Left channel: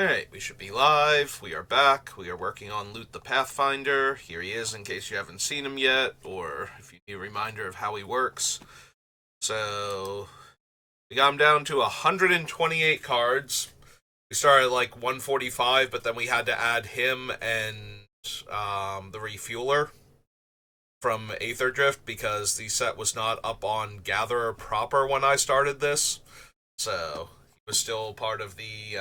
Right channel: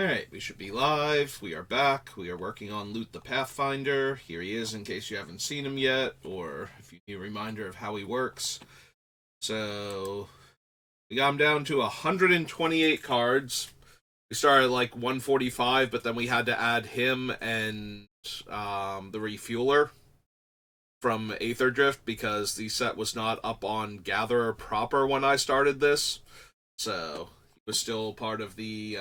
Alright, we should be live. We are back. We are working on Loot the Pathfinder. Here he is in case you haven't seen him yet, or if you need a reminder of how he works. So, we got him down to 128 cards. We started at like 145, but then we had to add him and the refueler from Aether Drift because the set was not up on Gatherer proper when I started this. So, he was still part of the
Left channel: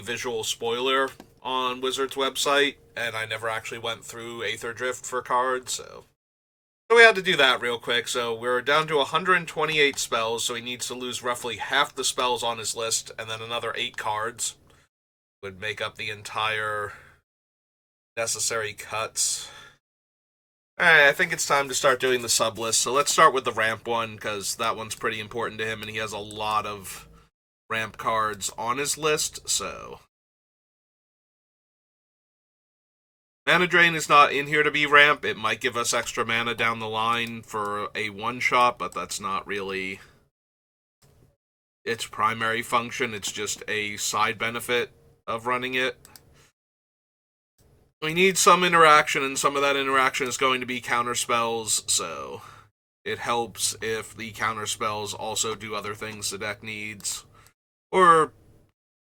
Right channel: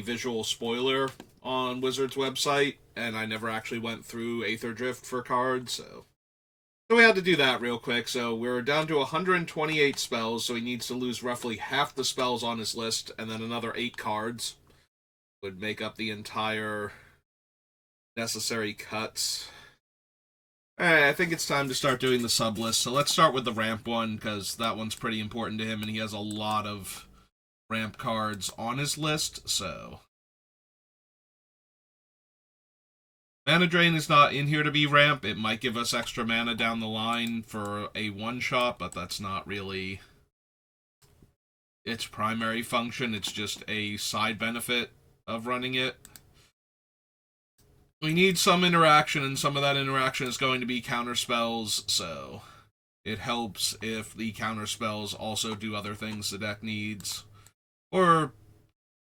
visual spoiler on Wizard's website, and I never actually went through Aether Drift for cards, so we had to do that real quick. So we're down to 128 spells, so he needs to lose roughly half the spells on his list, and then another 8 cards would make up the entire necessary cuts. Alright, I think it's time to start doing the sub list. So let's start with the ramp one, because that one's pretty important to him, and he has a lot of ramp cards on his list, so mana Drain is not in here to be ramp. It might give us extra mana down the line for a one-shot, but that's not really its primary function. It's just a side benefit of running it. We need some interaction, and some of that interaction is going to be counter spells, so it helps if the counter spells also do other things the deck needs, or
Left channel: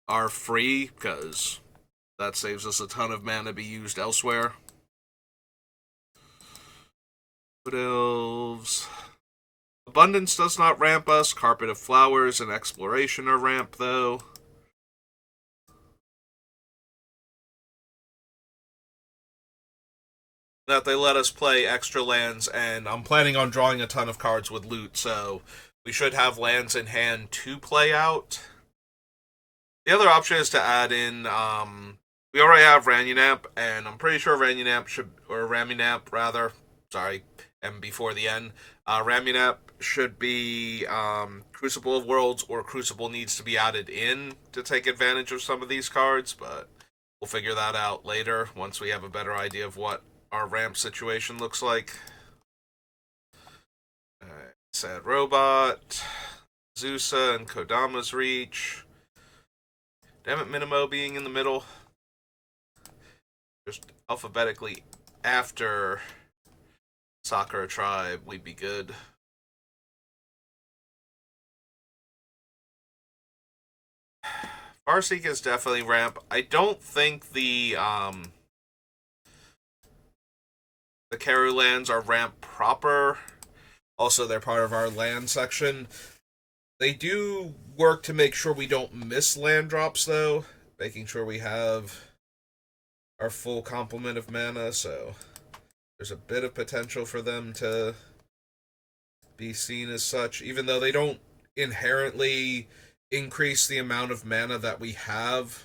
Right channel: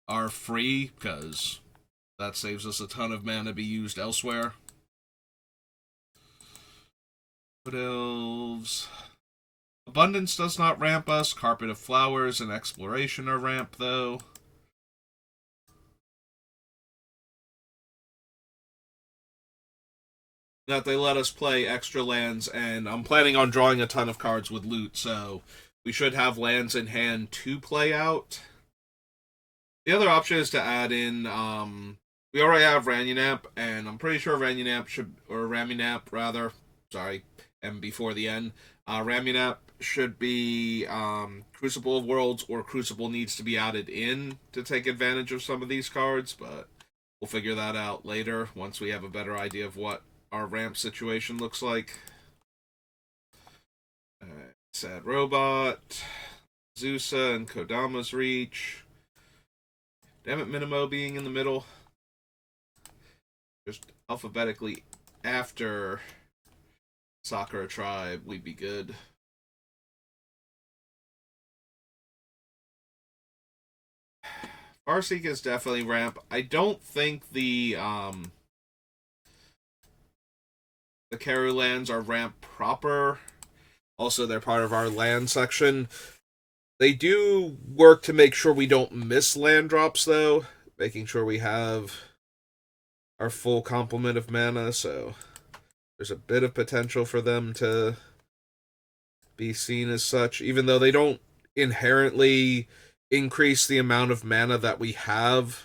are free, because that saves us a ton of mana to be used elsewhere. Wood Elves. Abundance does not ramp us. Carpet of Flowers and Exploration are ramp, though. That they let us play extra lands, and I'm planning on drawing a ton of cards with loot, so we should have lands in hand to play out. The other option is to add in, we already have Ranunap, and I'm pretty sure Ranunap should, or Ramunap rather, sorry, M before the N. Ramunap should be Crucible of Worlds, or Crucible needs to be added in to take advantage of some of these cards, but we'll figure that out later once we have a better idea of what our ramp situation looks like. Alright, Sad Robot, Zusa and Kodama's Reach. Damn it, Minimo being in the middle. Just alphabetically after Sakura Tribe, we'd be good. Farseek is definitely ramp. I don't think the Karu lands are ramp proper. Also, they're part of our land section. They do work to make sure we don't miss land drops, though, making sure we have our full complement of mana, so there's a bit of potential for them to be seen as such, even though they don't inherently increase the amount of mana that we have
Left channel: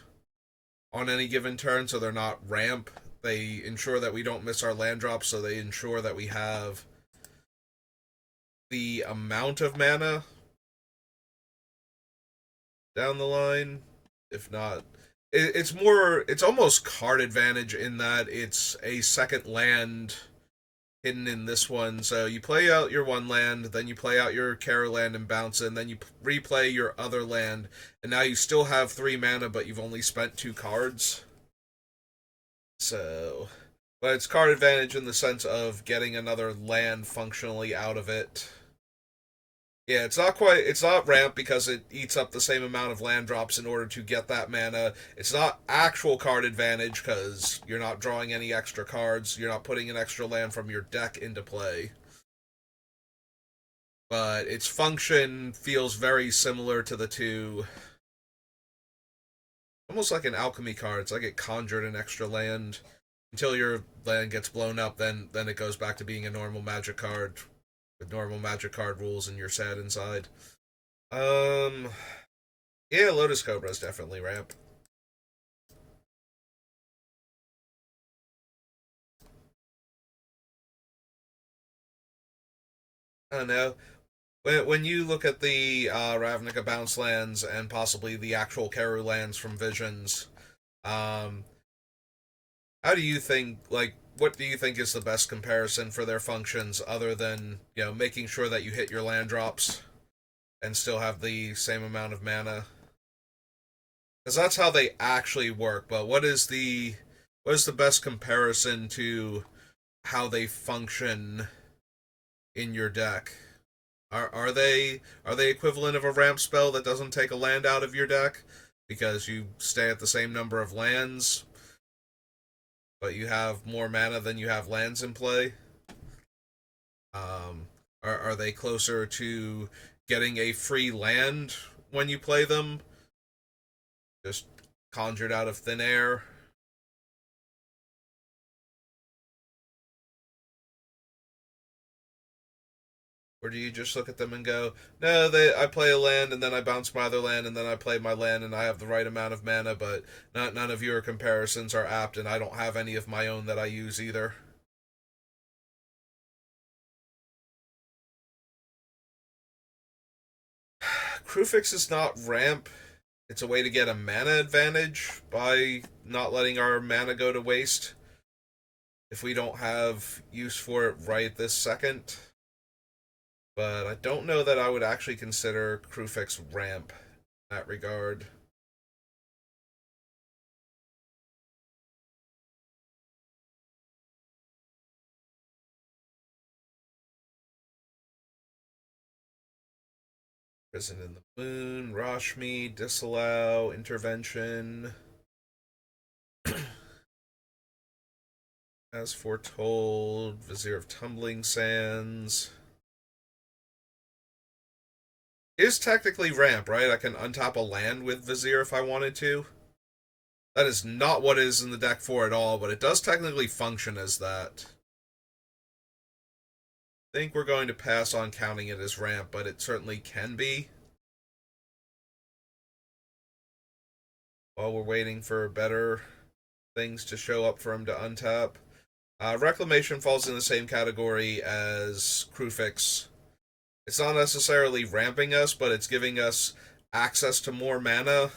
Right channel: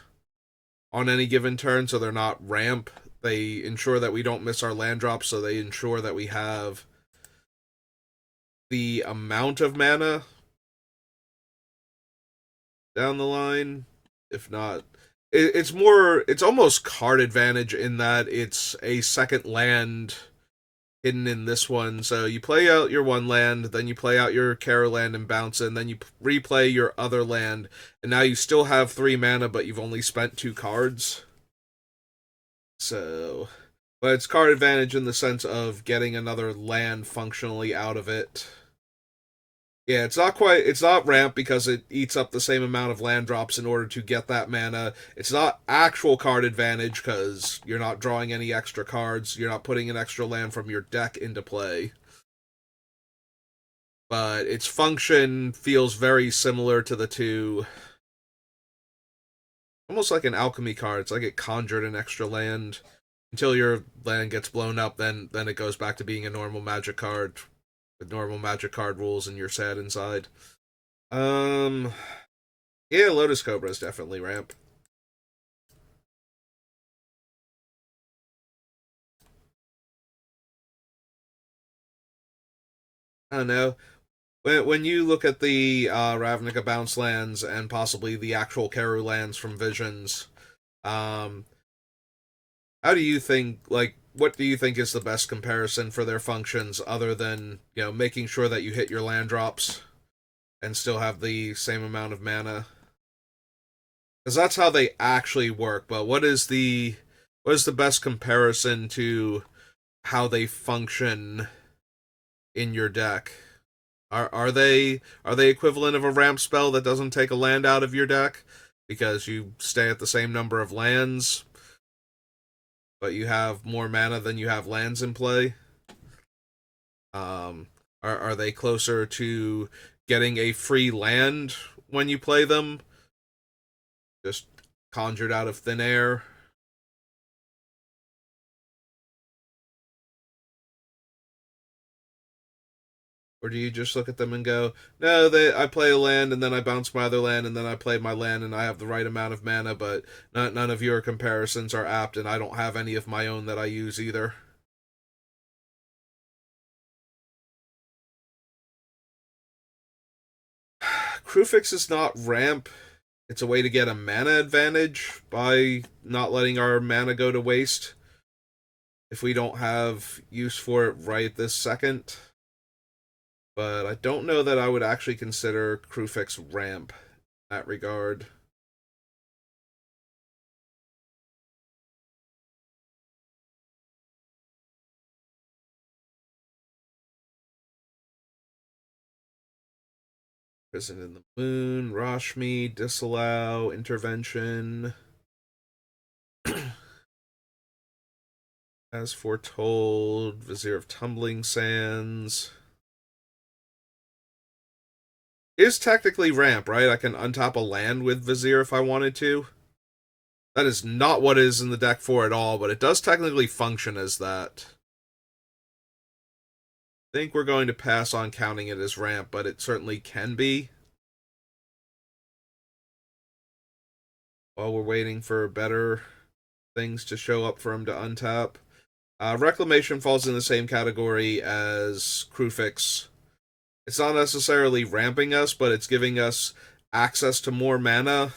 on any given turn, so they're not ramp. They ensure that we don't miss our land drops, so they ensure that we have the amount of mana down the line. If not, it's almost card advantage in that it's a second land hidden in this one. So you play out your one land, then you play out your Kara land and bounce it, and then you replay your other land, and now you still have 3 mana, but you've only spent 2 cards. So, but it's card advantage in the sense of getting another land functionally out of it. Yeah, it's not ramp because it eats up the same amount of land drops in order to get that mana. It's not actual card advantage because you're not drawing any extra cards. You're not putting an extra land from your deck into play. But its function feels very similar to the two. Almost like an alchemy card. It's like it conjured an extra land. Until your land gets blown up, then it goes back to being a normal magic card with normal magic card rules, and you're sad inside. Um, yeah, Lotus Cobra is definitely ramp. I don't know. When you look at the Ravnica bounce lands and possibly the actual Karu lands from Visions, um, how do you think, like, what do you think is the best comparison for their functions other than, making sure that you hit your land drops and still have the same amount of mana? because that's how they actually work. But what is the best comparison to how they function in your deck? Are they equivalent of a ramp spell that doesn't take a land out of your deck because you stay at the same number of lands, but you have more mana than you have lands in play? Um, are they closer to getting a free land when you play them, just conjured out of thin air? Or do you just look at them and go, no, I play a land and then I bounce my other land and then I play my land and I have the right amount of mana, but none of your comparisons are apt and I don't have any of my own that I use either. Crewfix is not ramp. It's a way to get a mana advantage by not letting our mana go to waste if we don't have use for it right this second. But I don't know that I would actually consider Crewfix ramp in that regard. Prison in the Moon, Rashmi, Disallow, Intervention. As Foretold, Vizier of Tumbling Sands. It is technically ramp, right? I can untap a land with Vizier if I wanted to. That is not what is in the deck for at all, but it does technically function as that. I think we're going to pass on counting it as ramp, but it certainly can be. While we're waiting for better things to show up for him to untap. Reclamation falls in the same category as Crewfix. It's not necessarily ramping us, but it's giving us access to more mana,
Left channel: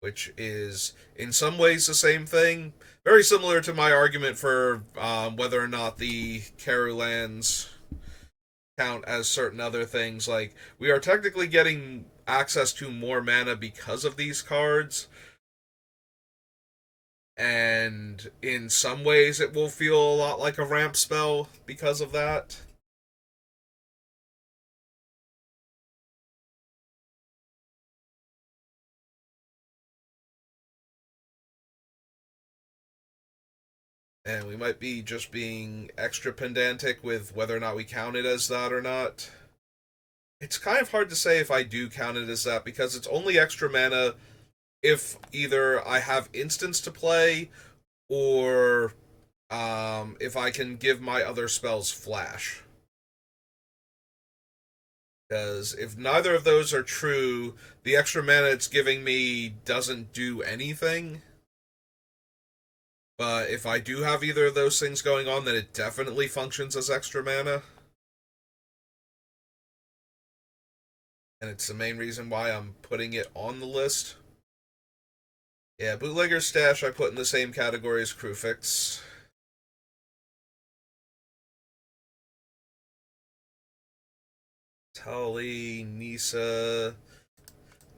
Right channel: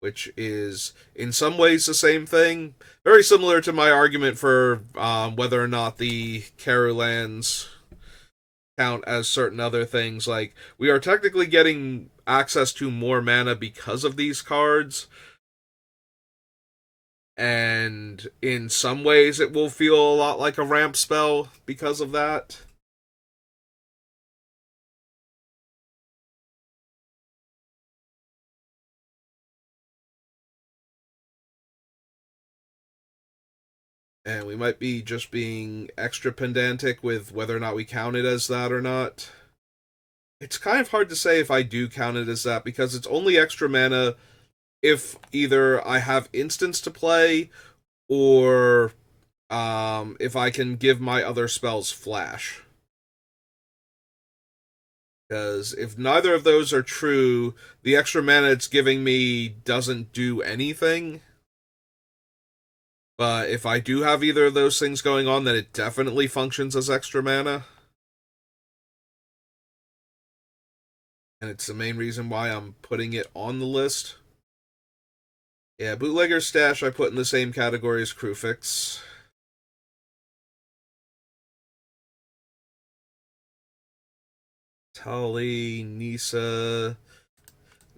which is in some ways the same thing. Very similar to my argument for whether or not the Karu lands count as certain other things. Like, we are technically getting access to more mana because of these cards, and in some ways it will feel a lot like a ramp spell because of that. And we might be just being extra pedantic with whether or not we count it as that or not. It's kind of hard to say if I do count it as that because it's only extra mana if either I have instants to play or if I can give my other spells flash. Because if neither of those are true, the extra mana it's giving me doesn't do anything. But if I do have either of those things going on, then it definitely functions as extra mana. And it's the main reason why I'm putting it on the list. Yeah, Bootlegger Stash I put in the same category as Crewfix. Tali, Nisa.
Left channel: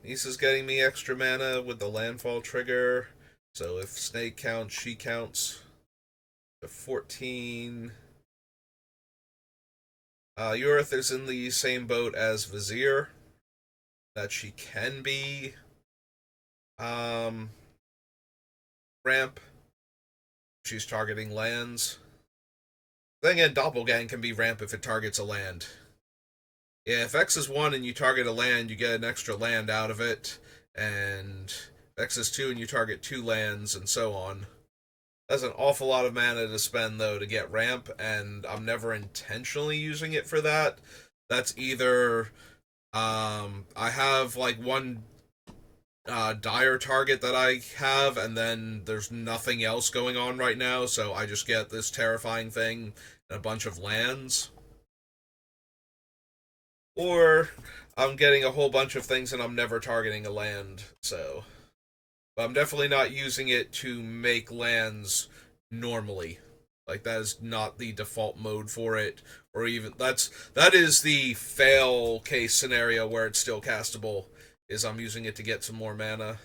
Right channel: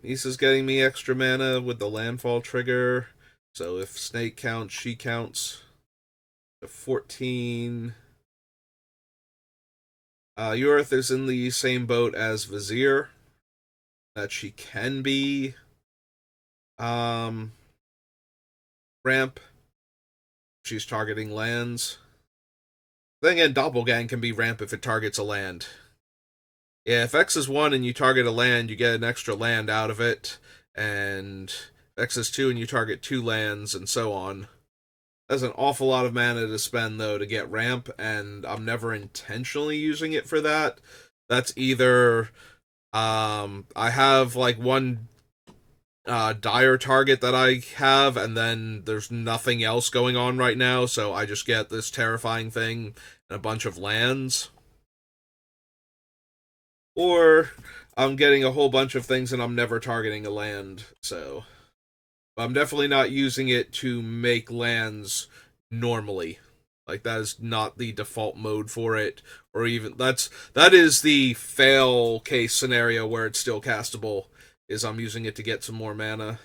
Nisa's getting me extra mana with the landfall trigger. So if Snake counts, she counts. 14. Yorith is in the same boat as Vizier. That she can be um, ramp. She's targeting lands. Then again, Doppelgang can be ramp if it targets a land. Yeah, if X is 1 and you target a land, you get an extra land out of it. And if X is 2 and you target 2 lands, and so on. That's an awful lot of mana to spend, though, to get ramp, and I'm never intentionally using it for that. That's either I have like one dire target that I have, and then there's nothing else going on right now, so I just get this terrifying thing and a bunch of lands. Or I'm getting a whole bunch of things and I'm never targeting a land, so. But I'm definitely not using it to make lands normally. Like, that is not the default mode for it, or even that is the fail case scenario where it's still castable. Is I'm using it to get some more mana.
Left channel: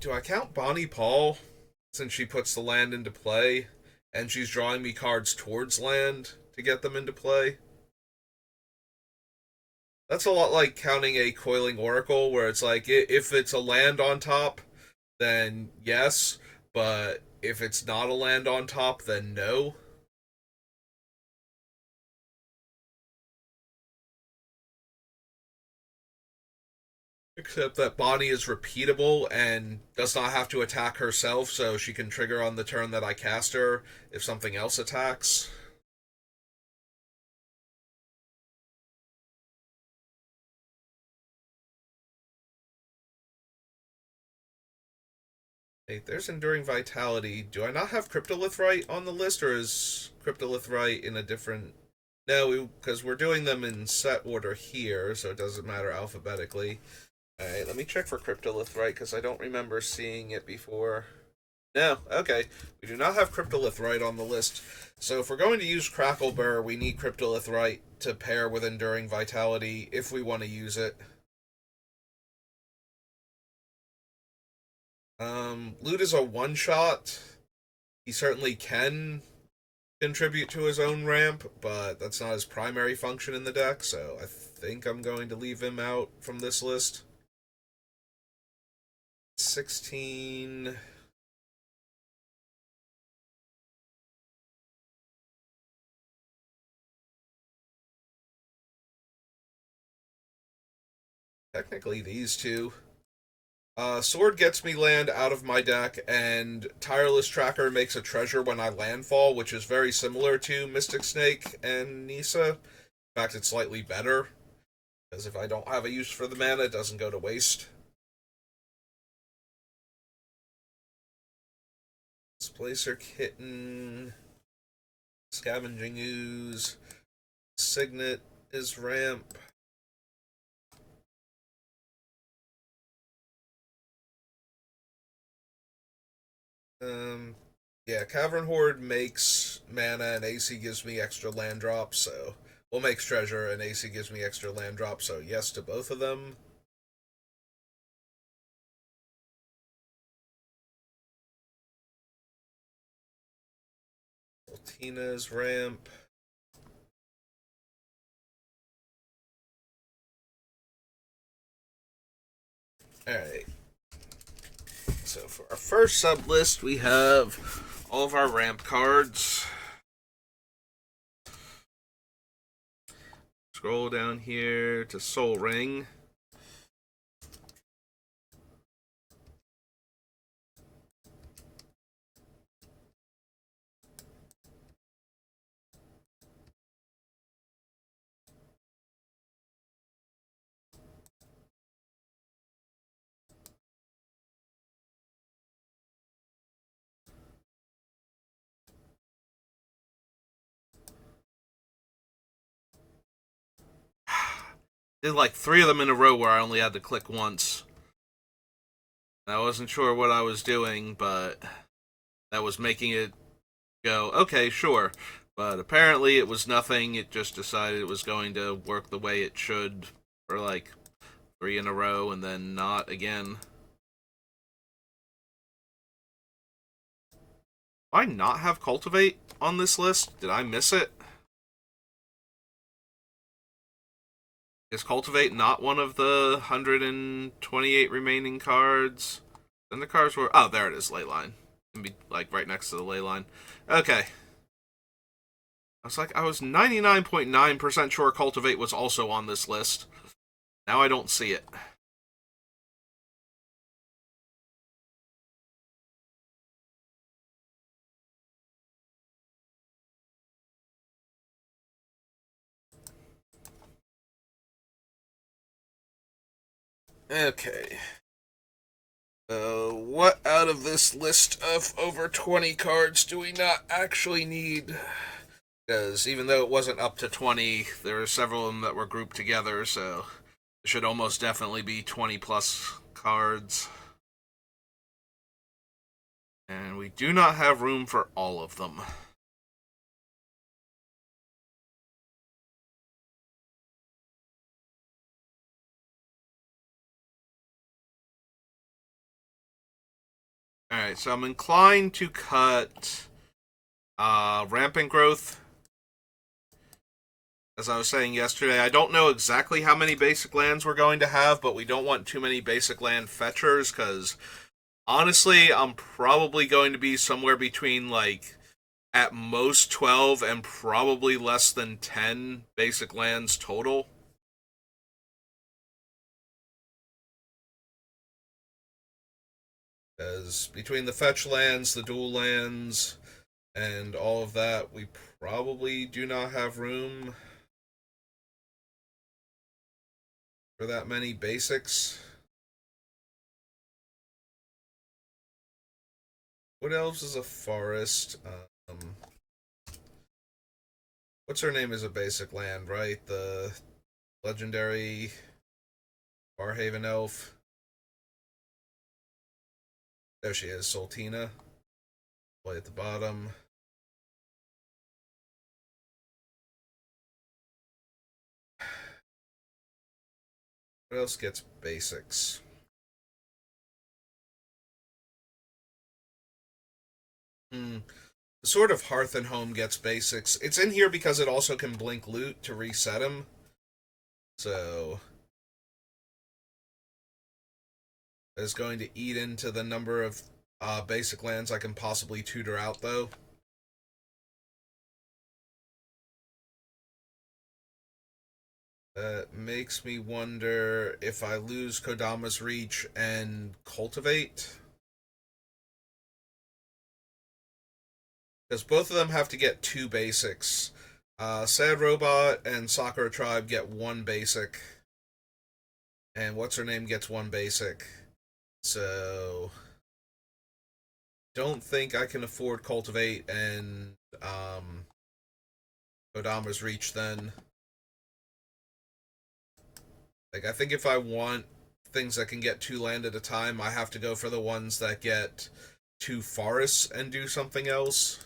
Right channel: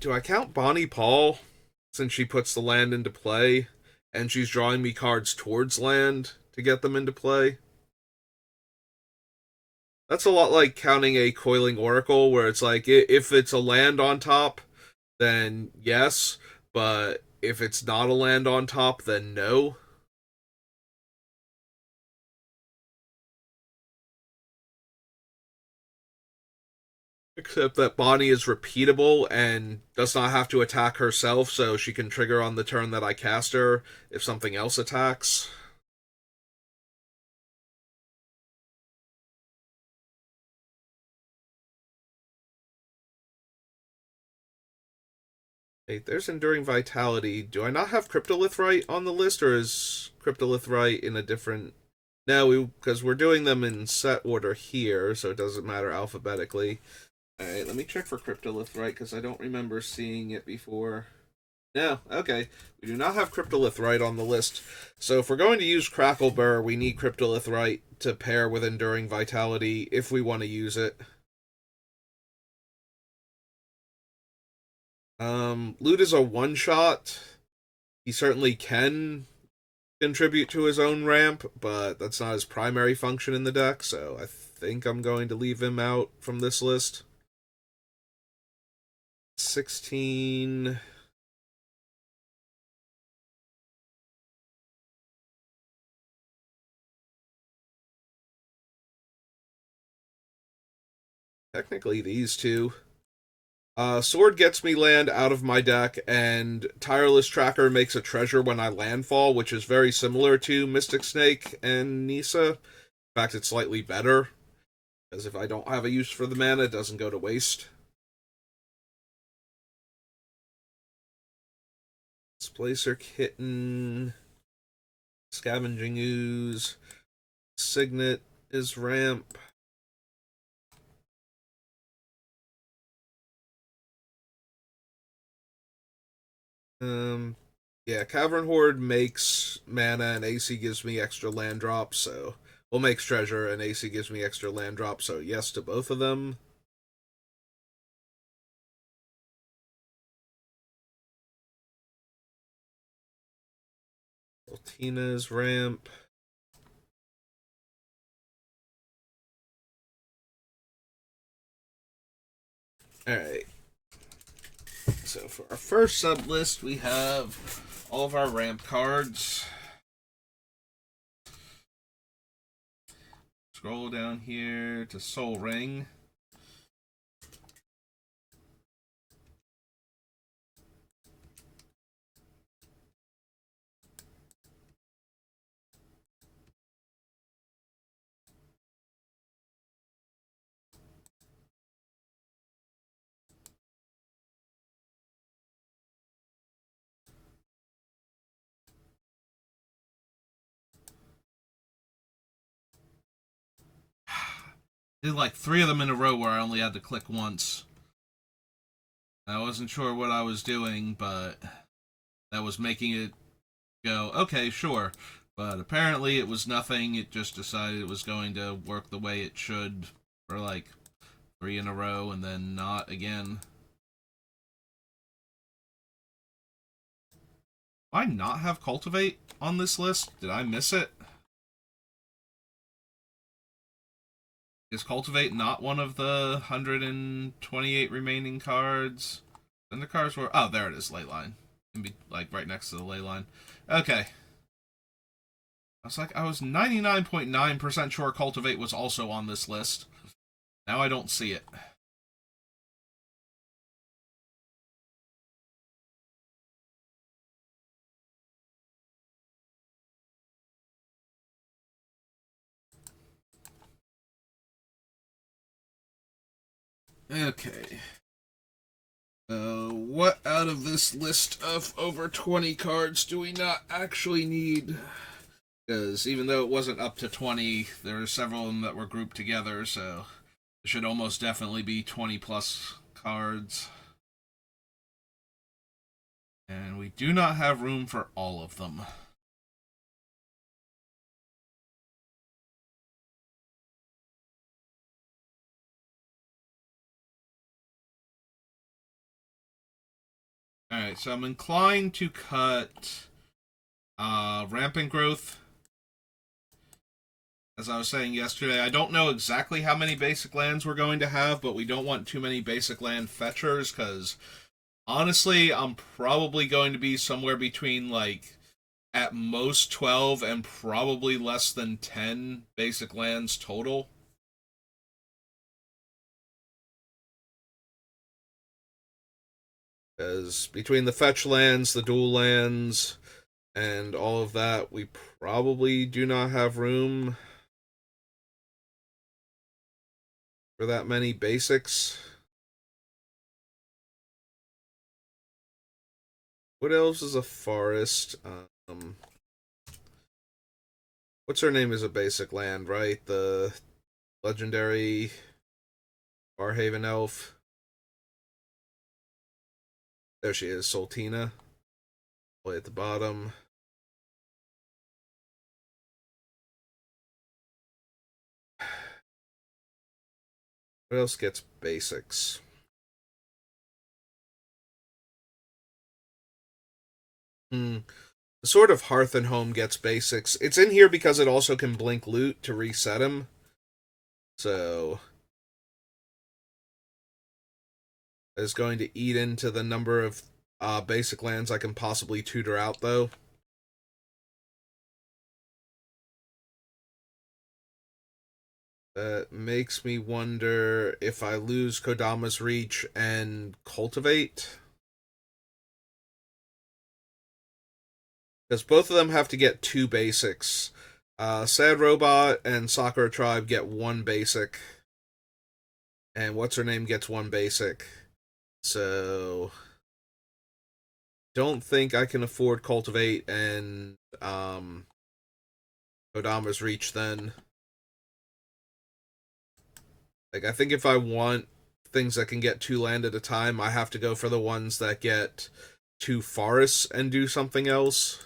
Do I count Bonnie Paul since she puts the land into play and she's drawing me cards towards land to get them into play? That's a lot like counting a Coiling Oracle, where it's like if it's a land on top, then yes, but if it's not a land on top, then no. Except that Bonnie is repeatable and does not have to attack herself, so she can trigger on the turn that I cast her if something else attacks. Hey, there's Enduring Vitality. Do I not have Cryptolith Right on the list, or is Cryptolith Right in a different... No, because we're doing them in set order here, so it doesn't matter alphabetically. Alright, let me check for Cryptolith Right, because I don't remember seeing it before. No, okay. We do not have Cryptolith Right on the list. So if we're going to use Crackleburr, we need Cryptolith Right to pair with Enduring Vitality if we want to use it. Loot is a one-shot. He certainly can contribute to his own ramp, but that's not his primary function in the deck, so I think I'm going to leave him out from this list. 16... Technically, these two. Sword gets me land out of my deck, and Tireless Tracker makes a treasure when I landfall, which is very similar to Mystic Snake and Nisa. In fact, it's slightly better, because if I don't have a use for the mana, it doesn't go to waste. Displacer Kitten, Scavenging Ooze, Signet is ramp. Yeah, Cavern Horde makes mana and AC gives me extra land drops, so... Well, makes treasure and AC gives me extra land drops, so yes to both of them. Tina's ramp. Alright. So for our first sub list, we have all of our ramp cards. Scroll down here to Soul Ring. Did like 3 of them in a row where I only had to click once. I wasn't sure what I was doing, but that was making it go, okay, sure. But apparently it was nothing. It just decided it was going to work the way it should for like 3 in a row and then not again. Do I not have Cultivate on this list? Did I miss it? Is Cultivate not one of the 128 remaining cards? Then the cards were... Oh, there it is, Leyline. Can be, like, right next to the Leyline. Okay. I was 99.9% sure Cultivate was also on this list. Now I don't see it. Okay. What out of this list of over 20 cards do we not actually need? Because even though it wasn't up to 20, there were several of them that were grouped together, so it should almost definitely be 20 plus cards. And we do not have room for all of them. Alright, so I'm inclined to cut rampant growth. As I was saying yesterday, I don't know exactly how many basic lands we're going to have, but we don't want too many basic land fetchers, because honestly, I'm probably going to be somewhere between, like, at most 12 and probably less than 10 basic lands total. Because between the fetch lands, the dual lands, and all of that, we probably do not have room for that many basics. What else is a forest? What's her name is a basic land, right? The legendary Barhaven elf. There she is, Sultina. Way at the bottom. What else gets basics? Hmm. The Sword of Hearth and Home gets basics. It's in here because it also can blink loot to reset him. So it's going to eat into the number of basic lands I can possibly tutor out, though. That makes me wonder if I lose Kodama's Reach and Cultivate. Because both of them have to get 2 basics. Sad Robot and Sakura Tribe get 1 basic. And What's Her Name gets 1 basic. So don't think I can afford Cultivate and Kodama's Reach then. Like, I think if I want things that can get 2 land at a time, I have to go for the ones that get 2 forests and do something else.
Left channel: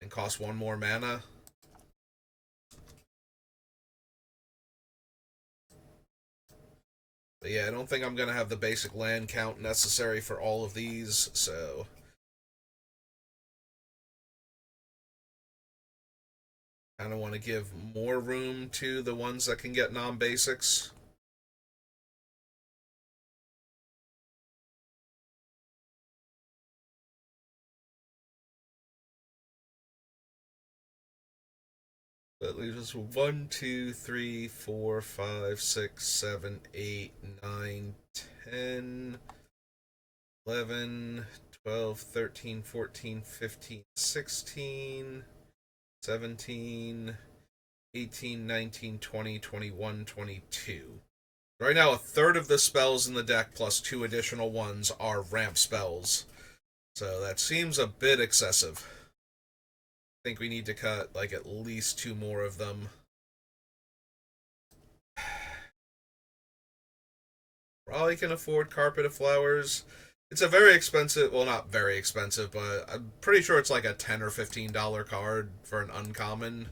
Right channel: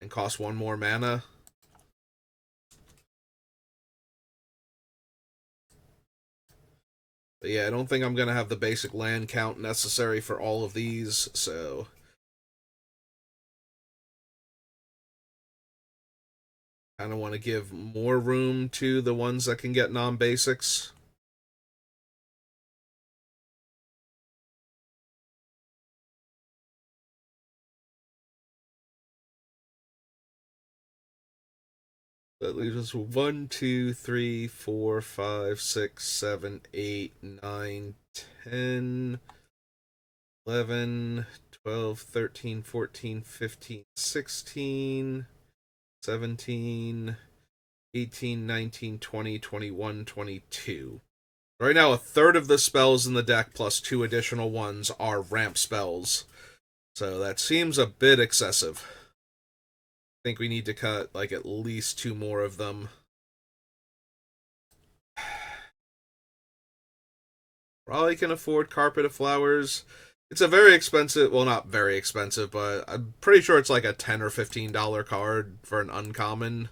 And cost 1 more mana. But yeah, I don't think I'm going to have the basic land count necessary for all of these, so kind of want to give more room to the ones that can get non-basics. That leaves us 1, 2, 3, 4, 5, 6, 7, 8, 9, 10, 11, 12, 13, 14, 15, 16, 17, 18, 19, 20, 21, 22. Right now, a third of the spells in the deck plus 2 additional ones are ramp spells. So that seems a bit excessive. I think we need to cut like at least 2 more of them. Probably can afford Carpet of Flowers. It's a very expensive, well, not very expensive, but I'm pretty sure it's like a $10 or $15 card for an uncommon.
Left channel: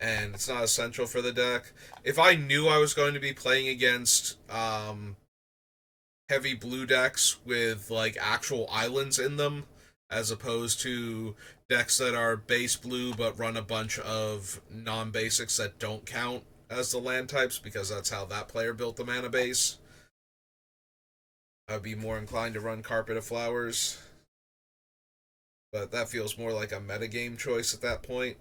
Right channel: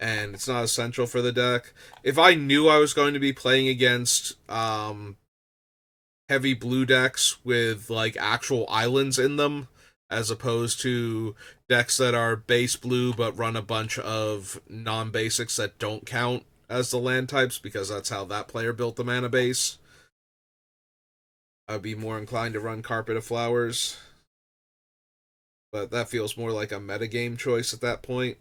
And it's not essential for the deck. If I knew I was going to be playing against heavy blue decks with like actual islands in them, as opposed to decks that are base blue but run a bunch of non-basics that don't count as the land types, because that's how that player built the mana base, I'd be more inclined to run Carpet of Flowers. But that feels more like a metagame choice at that point.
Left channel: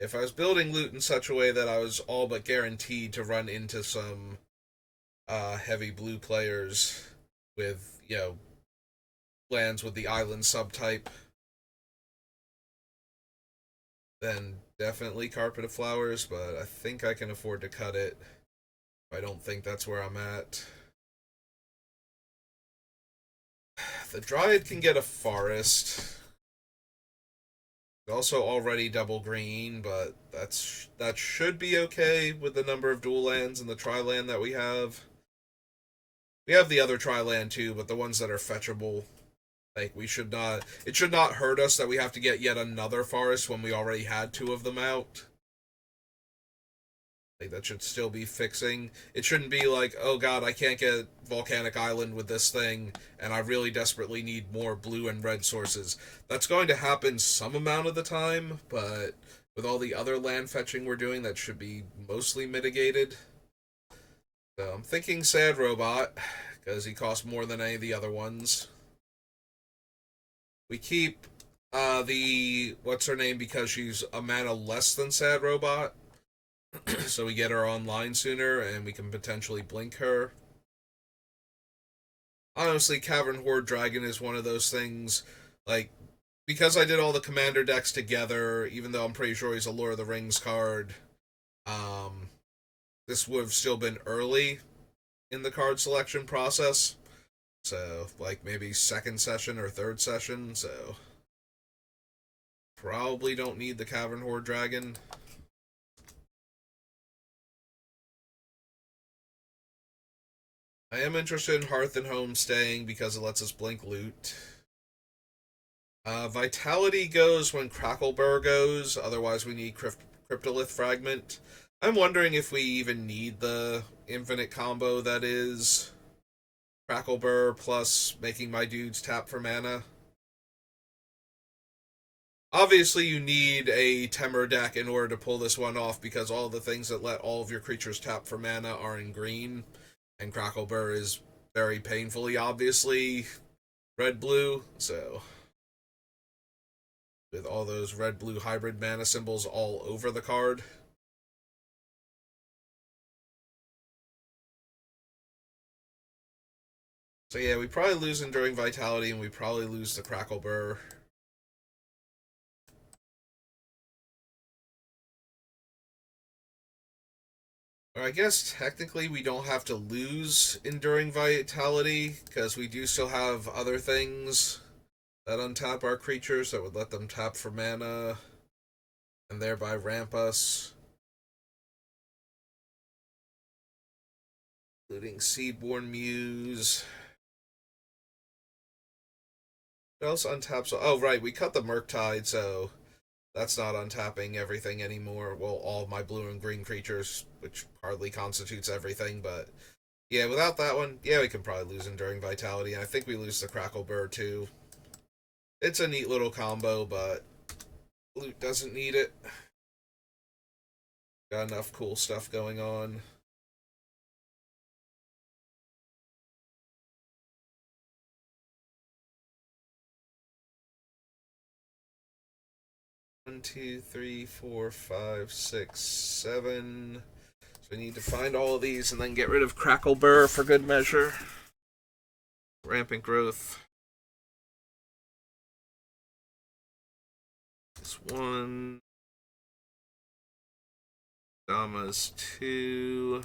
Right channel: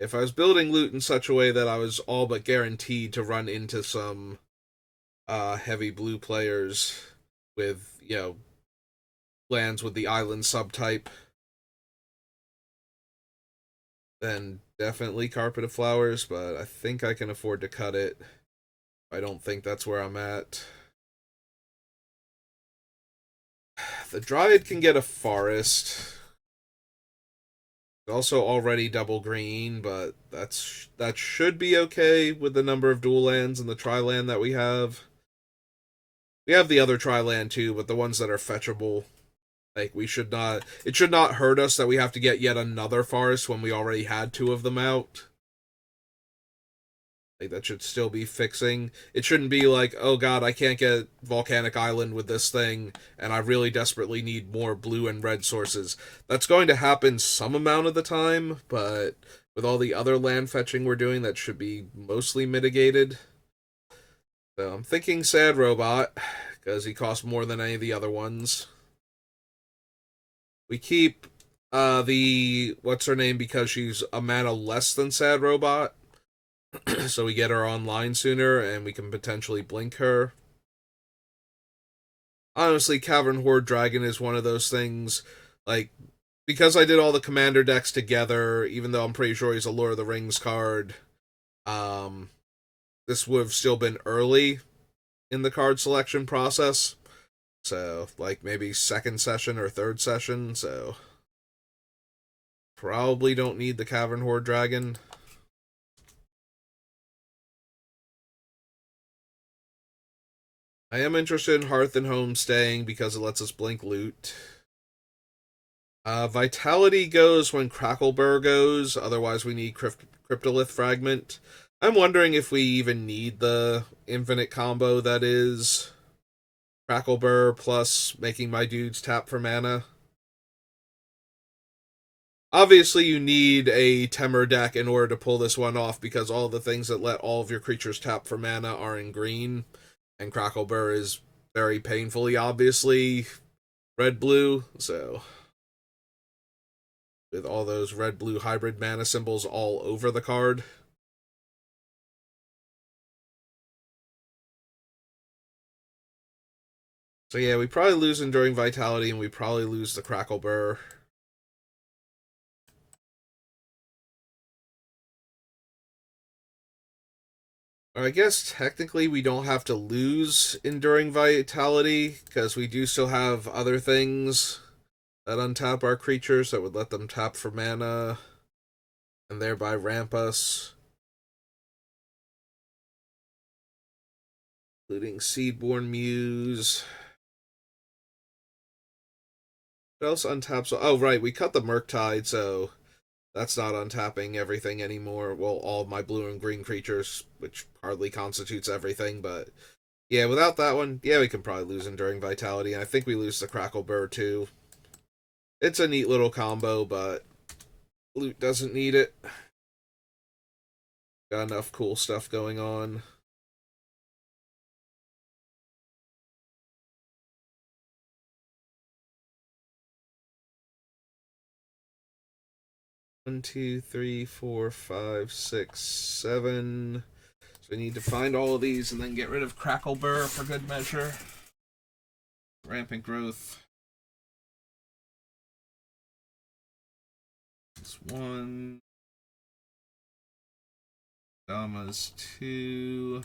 If I was building loot in such a way that I was all but guaranteed to run into some heavy blue players with, lands with the island subtype, then definitely Carpet of Flowers, but I think I can afford to cut it. I don't think that's where I'm at. The Dryad can get a forest. It's also already double green, but that should be okay with the number of dual lands and the tri-land that we have. We have the other tri-land too, but the ones that are fetchable, like we should not. It should not hurt us that we have to get yet another forest when we already had two of them out. Like that should still be fixing. It shouldn't be like, oh god, I can't get Volcanic Island with this thing, and I really desperately need more blue and red sources. That's going to happen some amount of the time, but with all the other land fetching we're doing, that should be mostly mitigated. So I'm thinking Sad Robot, because he costs more than any of the other ones. We keep the what's her name because she's a mana less than Sad Robot, so we get her online sooner and we can potentially blink her. Honestly, Cavern Horde Dragon is one of those things, like, because I did all the commander decks together, even though I'm pretty sure he's a Lord of the Rings card, um, this would have still been early in the card selection process. So, like, maybe second session or third session, so probably don't need the Cavern Horde Dragon. I am interested in Hearth and Home staying because it lets us blink loot. Vitality goes when Crackleburr goes, otherwise we need Cryptolith Fragment. I'm wondering if we even need the infinite combo that is Crackleburr plus making my dudes tap for mana. Obviously, you need a Temur deck in order to pull this one off because all the things that let all of your creatures tap for mana are in green, and Crackleburr is very painfully, obviously, red-blue, so with all those red-blue hybrid mana symbols all over the card. So yeah, we probably lose Enduring Vitality, and we probably lose the Crackleburr. I guess technically we don't have to lose Enduring Vitality, because we do still have other things that untap our creatures that would let them tap for mana and thereby ramp us, including Seedborn Muse. What else untaps? Oh, right, we cut the Murktide, so that's not untapping everything anymore. Well, all of my blue and green creatures, which hardly constitutes everything, but yeah, without that one, yeah, we can probably lose Enduring Vitality. I think we lose the Crackleburr too. It's a neat little combo, but loot doesn't need it. Got enough cool stuff going on. One, two, three, four, five, six, seven. So we need to find all of these and then get rid of Crackleburr for good measure. Rampant growth. This one. Dama's two.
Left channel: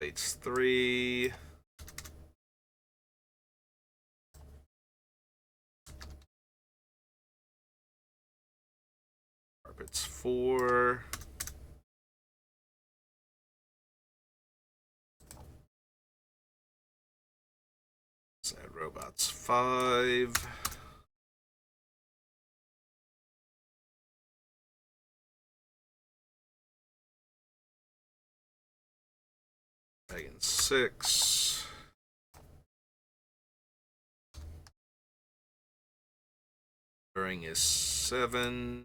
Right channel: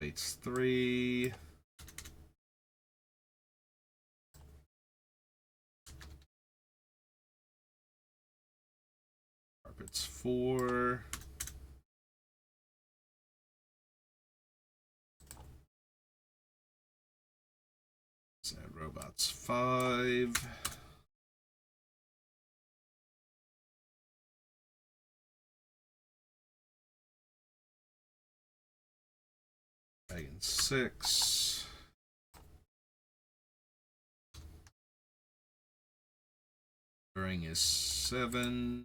Fate's three. Carpet's four. Sad Robot's five. Dragon six. During is seven.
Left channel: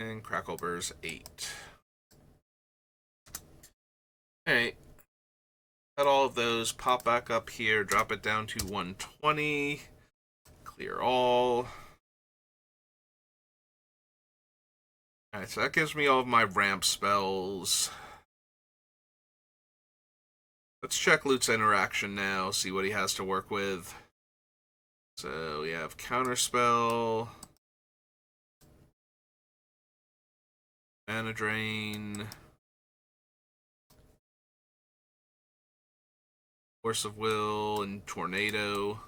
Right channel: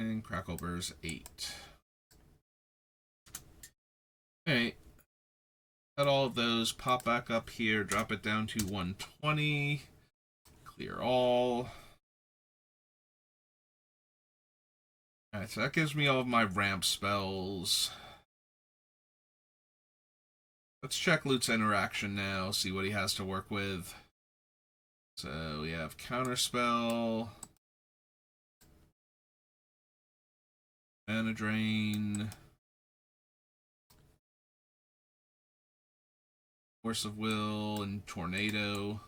And Crackleburr's eight. Alright. Got all of those. Pop back up here. Drop it down to 120. Clear all. Alright, so that gives me all of my ramp spells. Let's check Lute's interaction now, see what he has to work with. So we have Counterspell, Mana Drain, Force of Will, and Tornado.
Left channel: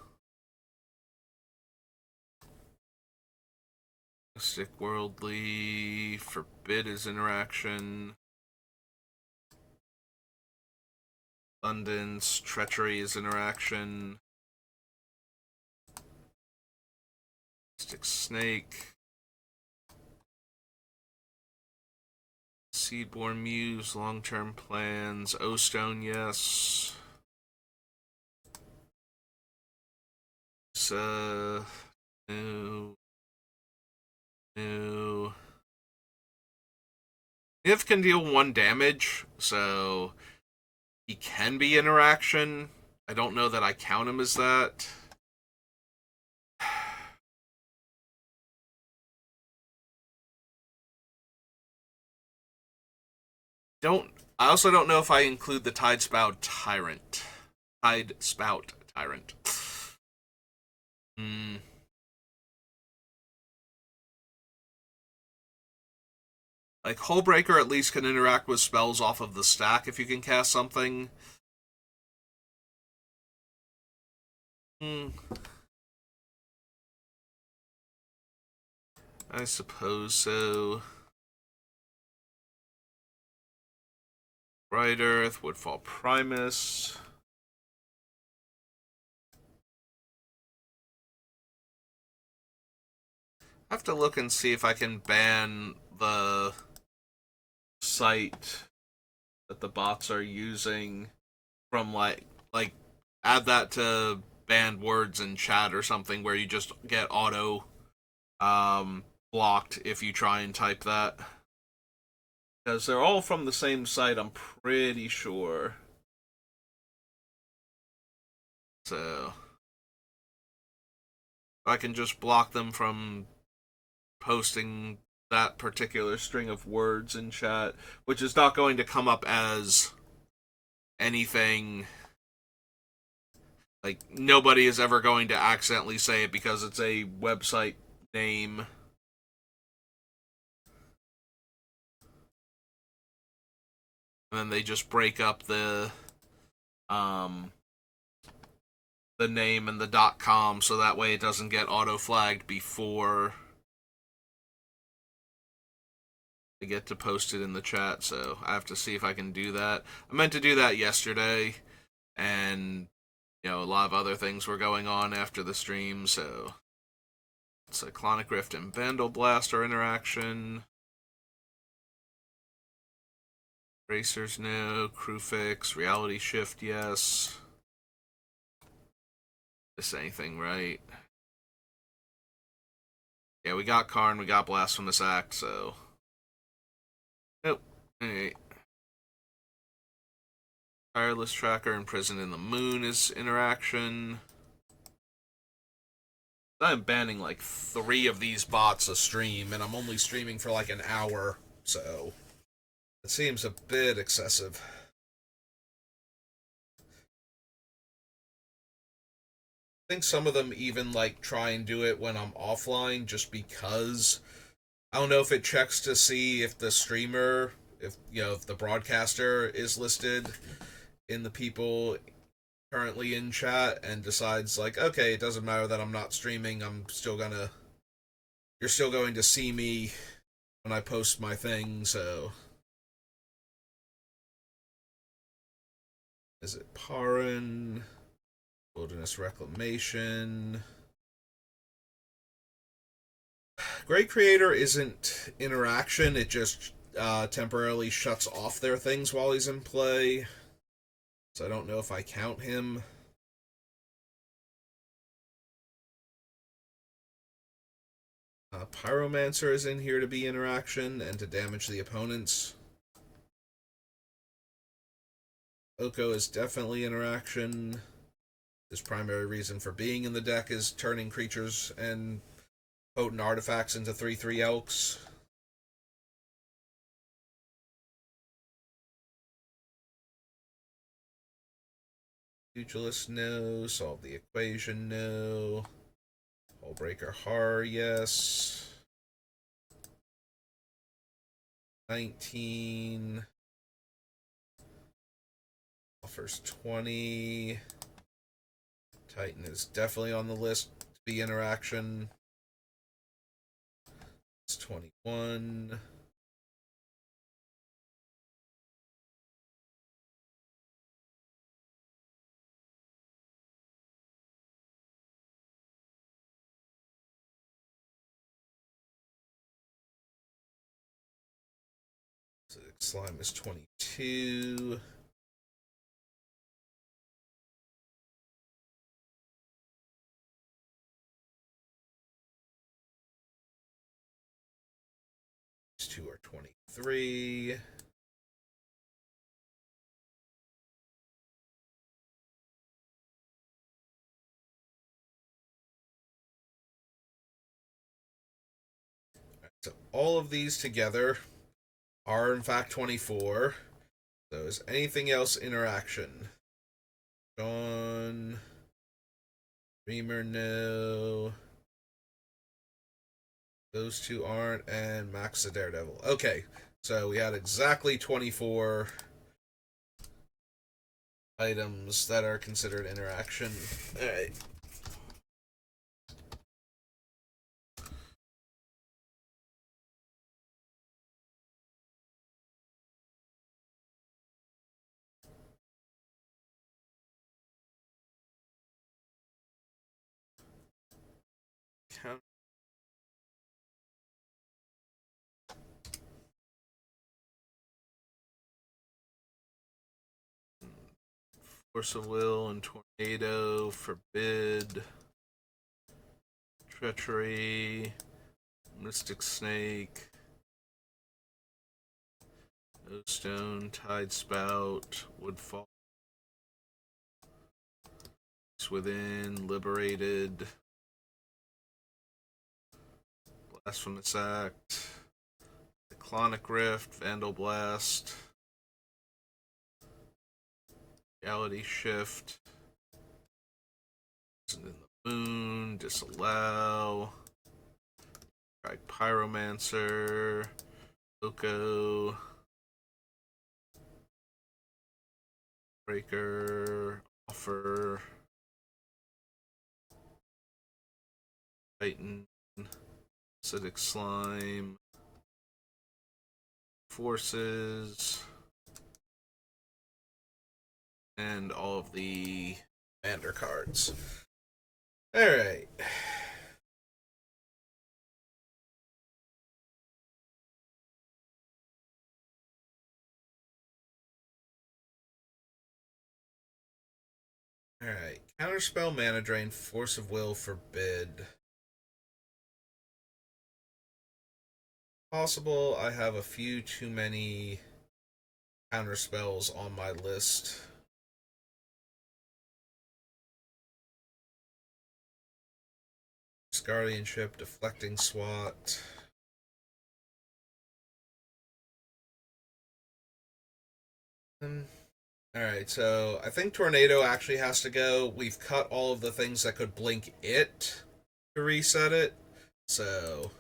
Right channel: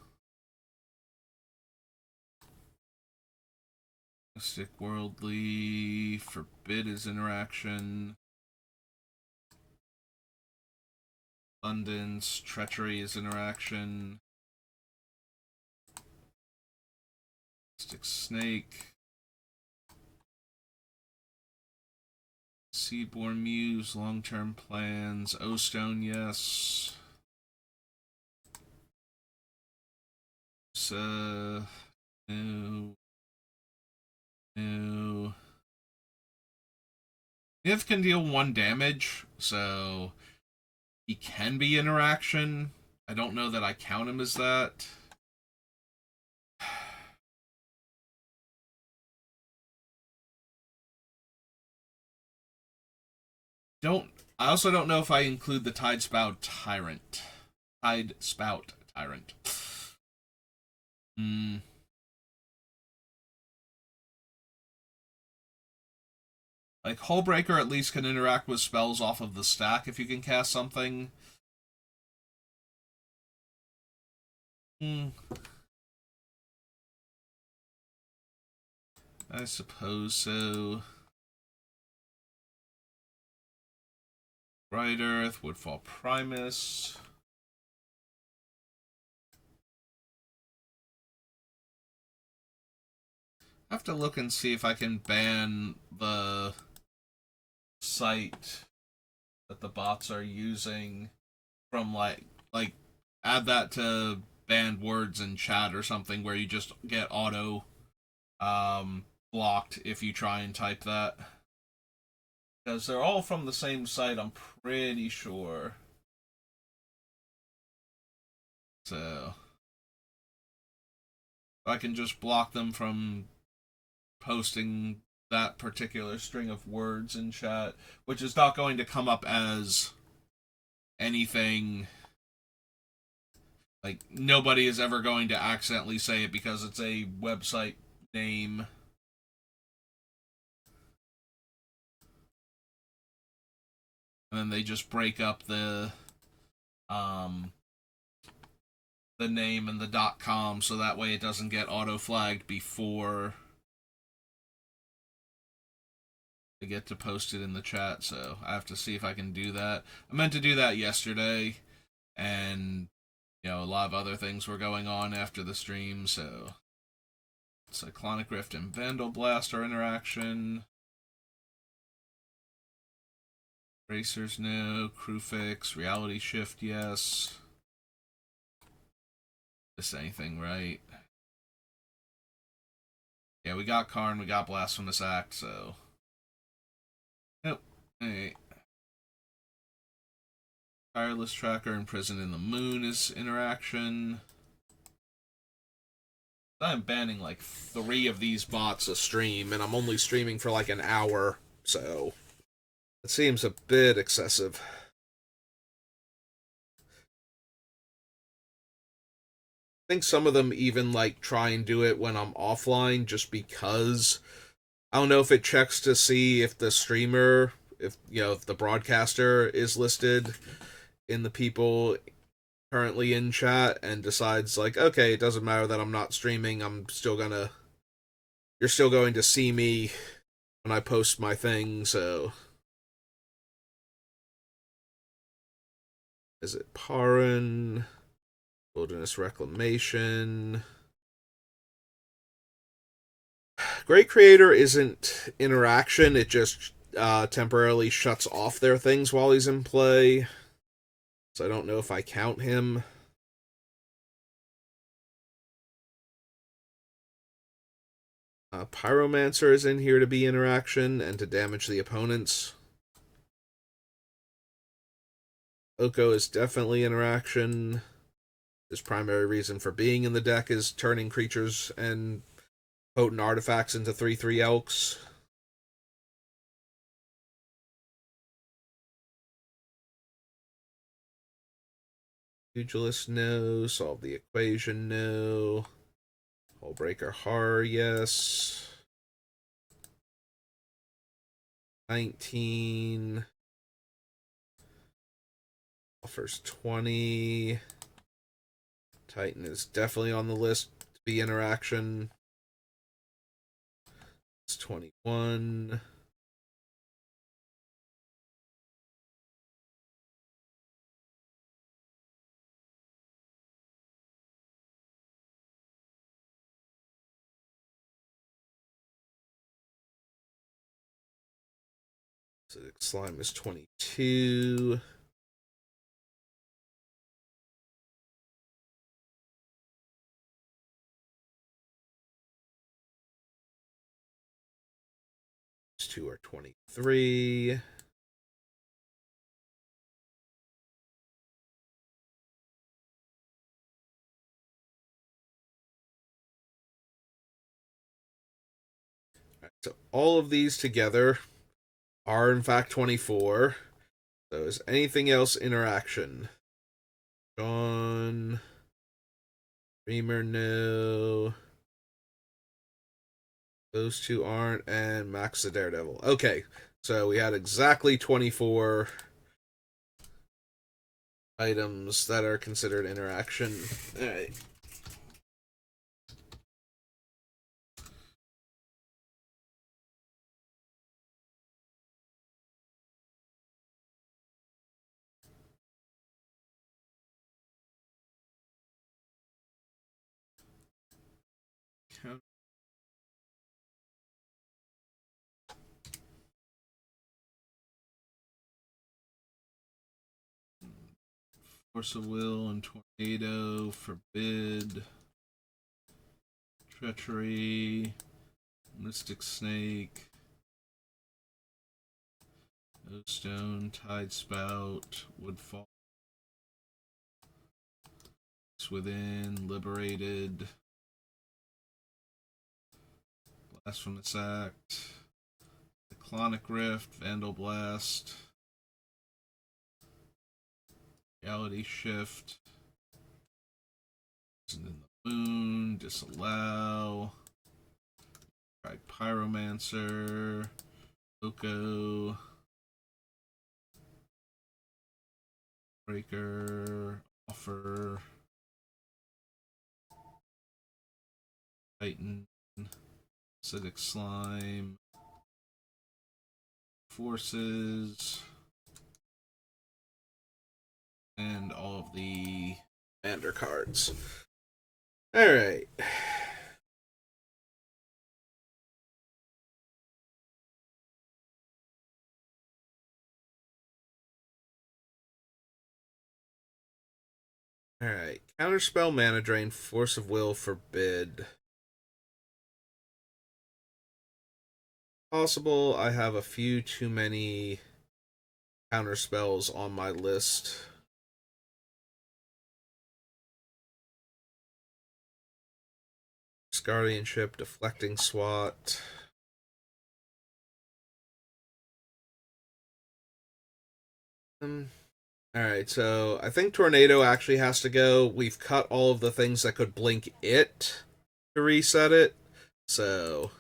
Mystic Worldly. Forbid is interaction. Abundance. Treachery is interaction. Mystic Snake. Seedborn Muse. Long-term plans. O-Stone, yes. No. No. Niv can deal 1 damage, so he can be interaction. I don't know that I count him as that. I also don't know if I include the Tide Spout Tyrant. Tide Spout Tyrant. Like, Hullbreaker at least can interact with spells off of the stack if you can cast something. I suppose so. Bright Earth, Woodfall Primus. I have to look and see if I can ban the site that the bots are using from like add that to banned words in chat or something where you just get auto blocked if you try and type that. Because they're all from the same site, I'm pretty sure. So I can just block them from posting that particular string of words in chat, which is not going to come up as anything. Like, nobody is ever going to accidentally say it because it's a website name. And then they just break up the name and the .com so that way it doesn't get auto flagged before I get to post it in the chat. So I have to see if I can do that. I meant to do that yesterday, and a lot of other things were going on after the stream. So Cyclonic Rift and Vandal Blast are interaction. Racers, no. Crewfix, Reality Shift, yes. This anything, right? Yeah, we got Karn, we got Blasphemous Act, so. Nope. Alright. Tireless Tracker, Imprisoned in the Moon is interaction. I'm banning like 3 of these bots a stream, and I'm only streaming for like an hour, so it seems a bit excessive. I think some of them even like try and do it when I'm offline just because I don't know if it checks to see if the streamer, if the broadcaster is listed in the people currently in chat and decides like, okay, it doesn't matter that I'm not streaming, you're still going to see me when I post my thing, so. Is it Paran? Wilderness Reclamation. Great Creator isn't interaction, it just temporarily shuts off their things while he's in play. So I don't know if I count him. Pyromancer is in here to be interaction and to damage the opponents. Oko is definitely interaction. His primary reason for being in the deck is turning creatures and potent artifacts into 3/3 elks. Pugilist, no. Solve the equation, no. Hullbreaker Horror, yes. 19. Offers 20. Titan is definitely on the list to be interaction. It's 21. Slime is 22. These two are 23. So all of these together are in fact 24. So is anything else interaction? John, Dreamer, no. Those two aren't, and Max the Daredevil. Okay, so we had exactly 24 items that are considered interaction. Alright. Force of Will and Tornado, Forbid, Treachery, Mystic Snake, Stone, Tide Spout, Woodfall, Within, Liberated, Blasphemous Act, Cyclonic Rift, Vandal Blast, Reality Shift, in the Moon, Disallow, Pyromancer, Oko, Breaker, Offer, Titan, Acidic Slime, Forces, and all of the Commander cards. Alright. Alright. Counterspell, Mana Drain, Force of Will, Forbid. Possible. I have a few too many counterspells on my list. Guardianship, Deflecting Swat. Alright, so I think Tornado actually has to go. We've cut all of the things that could blink it to reset it. So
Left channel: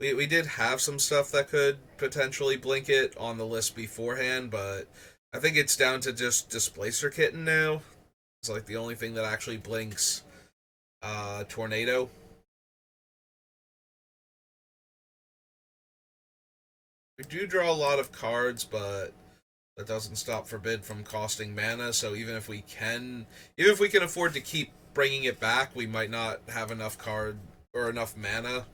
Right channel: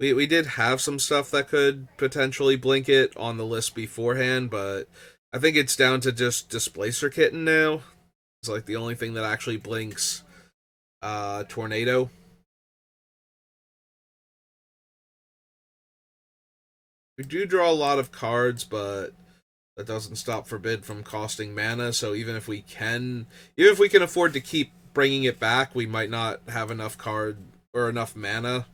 we did have some stuff that could potentially blink it on the list beforehand, but I think it's down to just Displacer Kitten now. It's like the only thing that actually blinks Tornado. We do draw a lot of cards, but that doesn't stop Forbid from costing mana. So even if we can afford to keep bringing it back, we might not have enough card or enough mana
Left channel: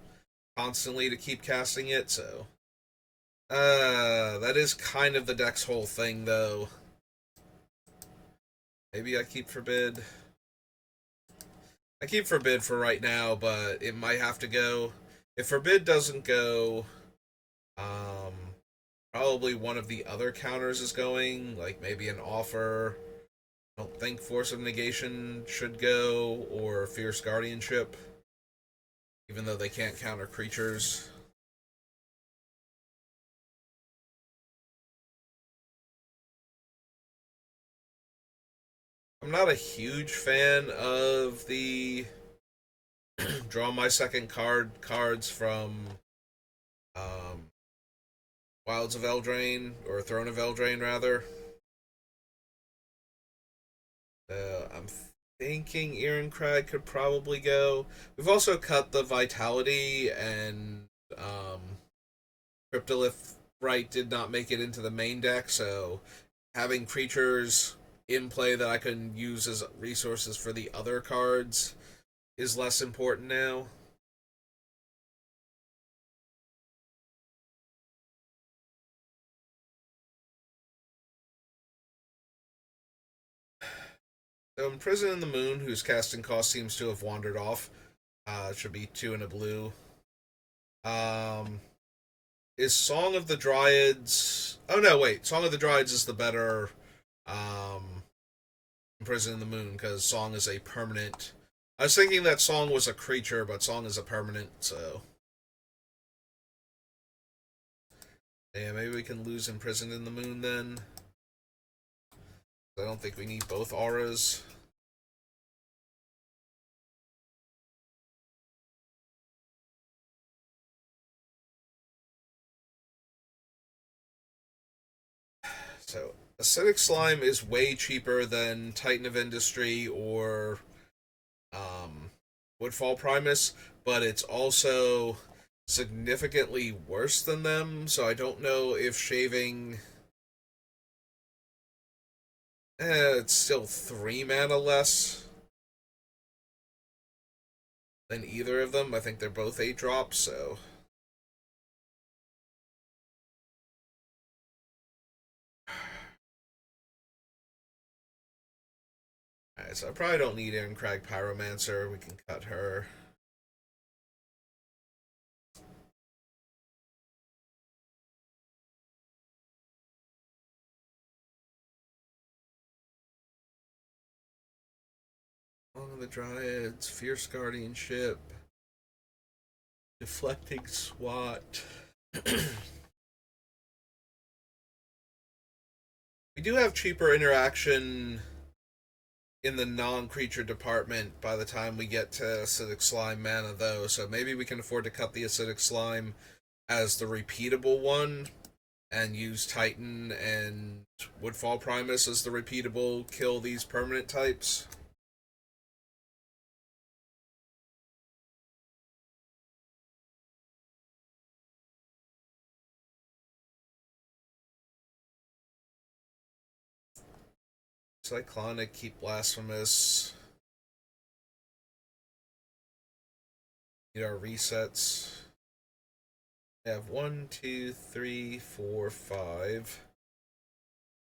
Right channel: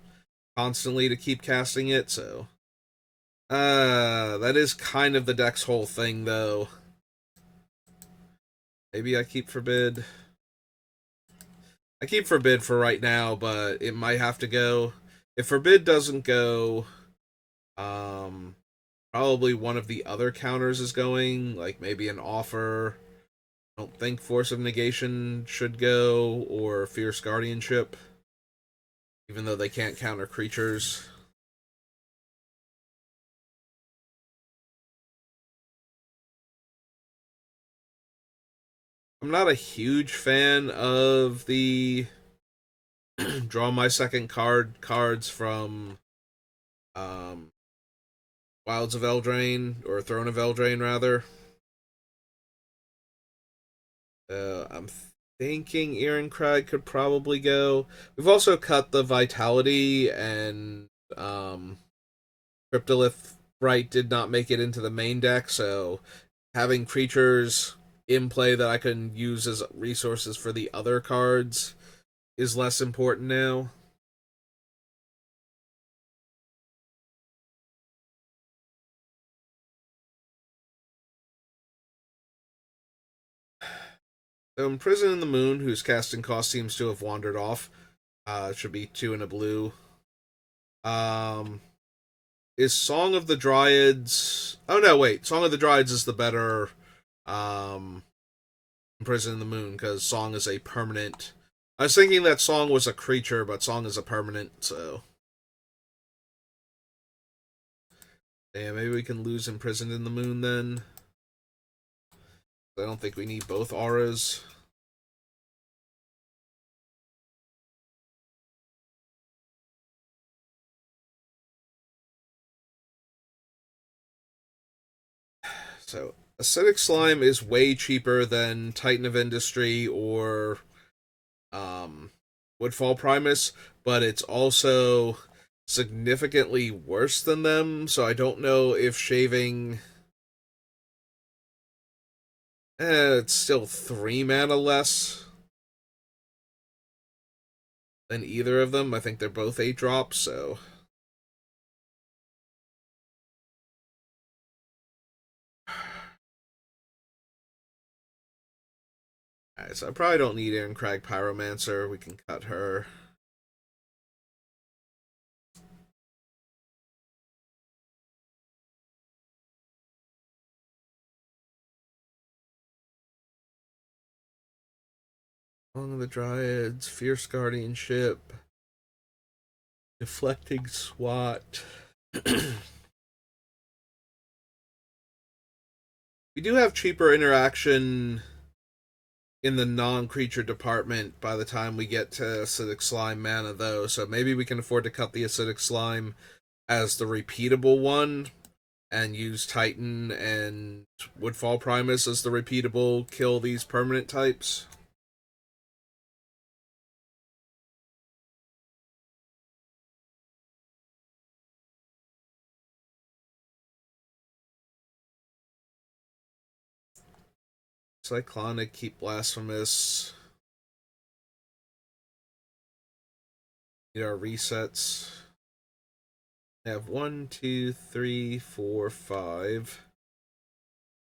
constantly to keep casting it. So that is kind of the deck's whole thing, though. Maybe I keep Forbid. I keep Forbid for right now, but it might have to go. If Forbid doesn't go, probably one of the other counters is going, like maybe an Offer. I don't think Force of Negation should go, or Fierce Guardianship, even though they can't counter creatures. I'm not a huge fan of the draw my second cards from Wilds of Eldraine, or Throne of Eldraine rather. I'm thinking Ehrencrag could probably go. We've also cut the Vitality, and Cryptolith Right did not make it into the main deck, so having creatures in play that I can use as resources for the other cards is less important now. So Imprison in the Moon, whose casting cost seems to have wandered off, should be 2 and a blue. Um, is Song of the Dryads? Oh no, wait. Song of the Dryads is the better um, Imprison in the Moon because Song is a permanent. I was thinking that Song was a creature, but Song is a permanent. So yeah, maybe we can lose Imprisoned in the Moon then. I don't think we need both auras. So Acidic Slime is way cheaper than Titan of Industry or Woodfall Primus, but it's also significantly worse than them. So I don't know if shaving. It's still 3 mana less than either of them. I think they're both 8 drops, so. Alright, so I probably don't need Ehrencrag Pyromancer. We can cut her. Song of the Dryads, Fierce Guardianship, Deflecting Swat. We do have cheaper interaction in the non-creature department by the time we get to Acidic Slime mana, though, so maybe we can afford to cut the Acidic Slime as the repeatable one and use Titan and Woodfall Primus as the repeatable kill these permanent types. Cyclonic, keep Blasphemous. Need our resets. I have 1, 2, 3, 4, 5,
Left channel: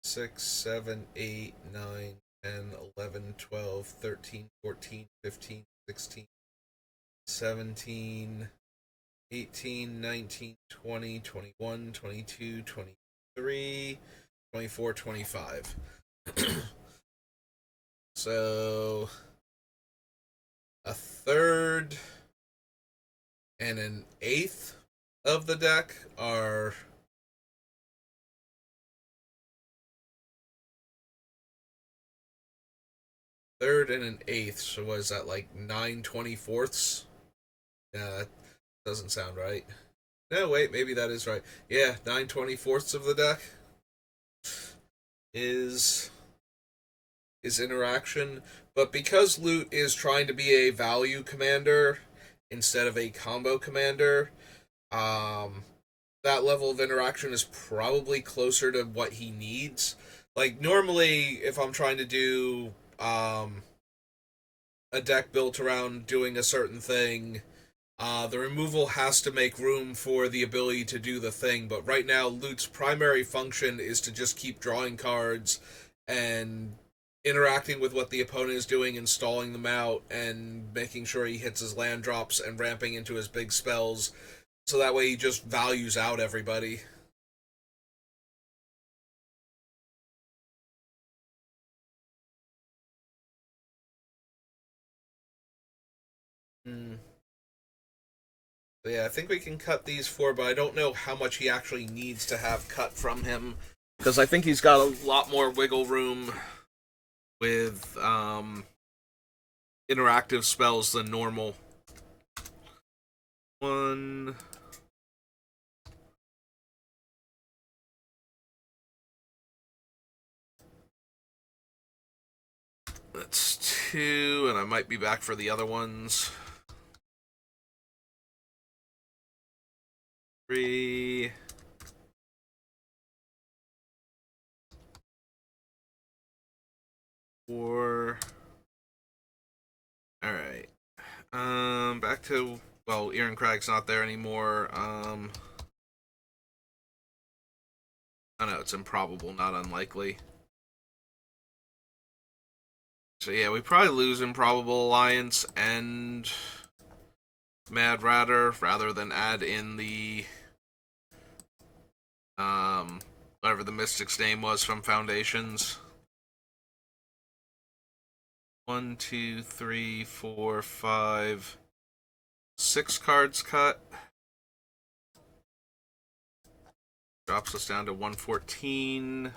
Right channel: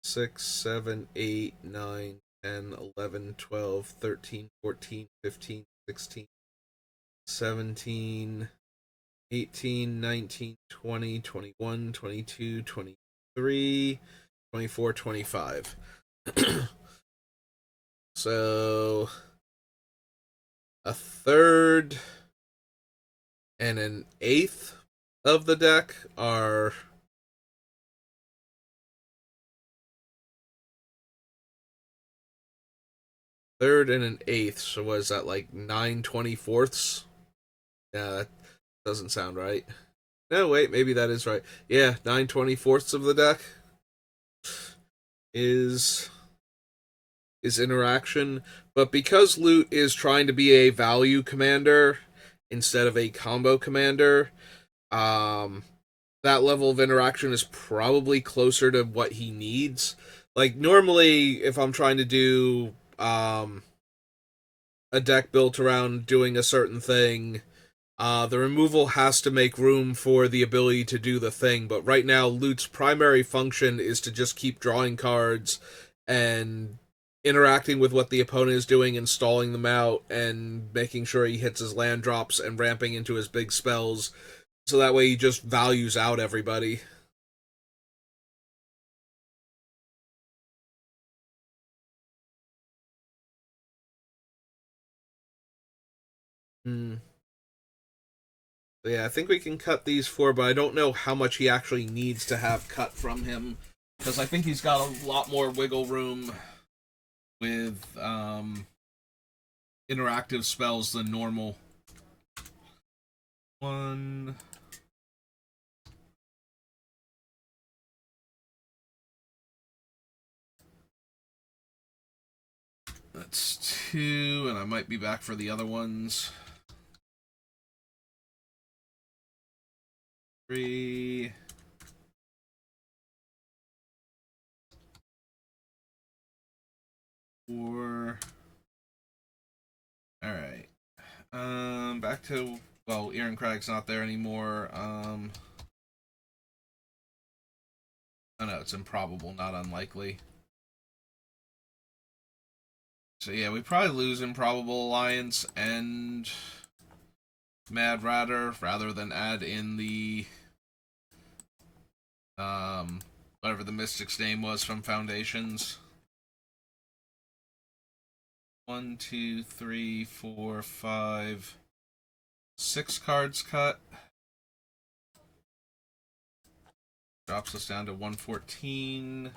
6, 7, 8, 9, 10, 11, 12, 13, 14, 15, 16, 17, 18, 19, 20, 21, 22, 23, 24, 25. So a third and an eighth of the deck are third and an eighth. So was that like 9/24ths? Yeah, that doesn't sound right. No, wait, maybe that is right. Yeah, 9/24ths of the deck is interaction, but because Loot is trying to be a value commander instead of a combo commander, um, that level of interaction is probably closer to what he needs. Like normally, if I'm trying to do a deck built around doing a certain thing, the removal has to make room for the ability to do the thing. But right now, Loot's primary function is to just keep drawing cards and interacting with what the opponent is doing and stalling them out and making sure he hits his land drops and ramping into his big spells. So that way he just values out everybody. Hmm. So yeah, I think we can cut these 4, but I don't know how much he actually needs to have cut from him because I think he's got a lot more wiggle room with interactive spells than normal. One. That's 2, and I might be back for the other ones. 3. Four. All right. Back to, well, Aaron Craig's not there anymore. I know it's improbable, not unlikely. So yeah, we probably lose Improbable Alliance and Mad Ratter rather than add in the whatever the Mystic's name was from Foundations. 1, 2, 3, 4, 5, 6 cards cut. Drops us down to 114.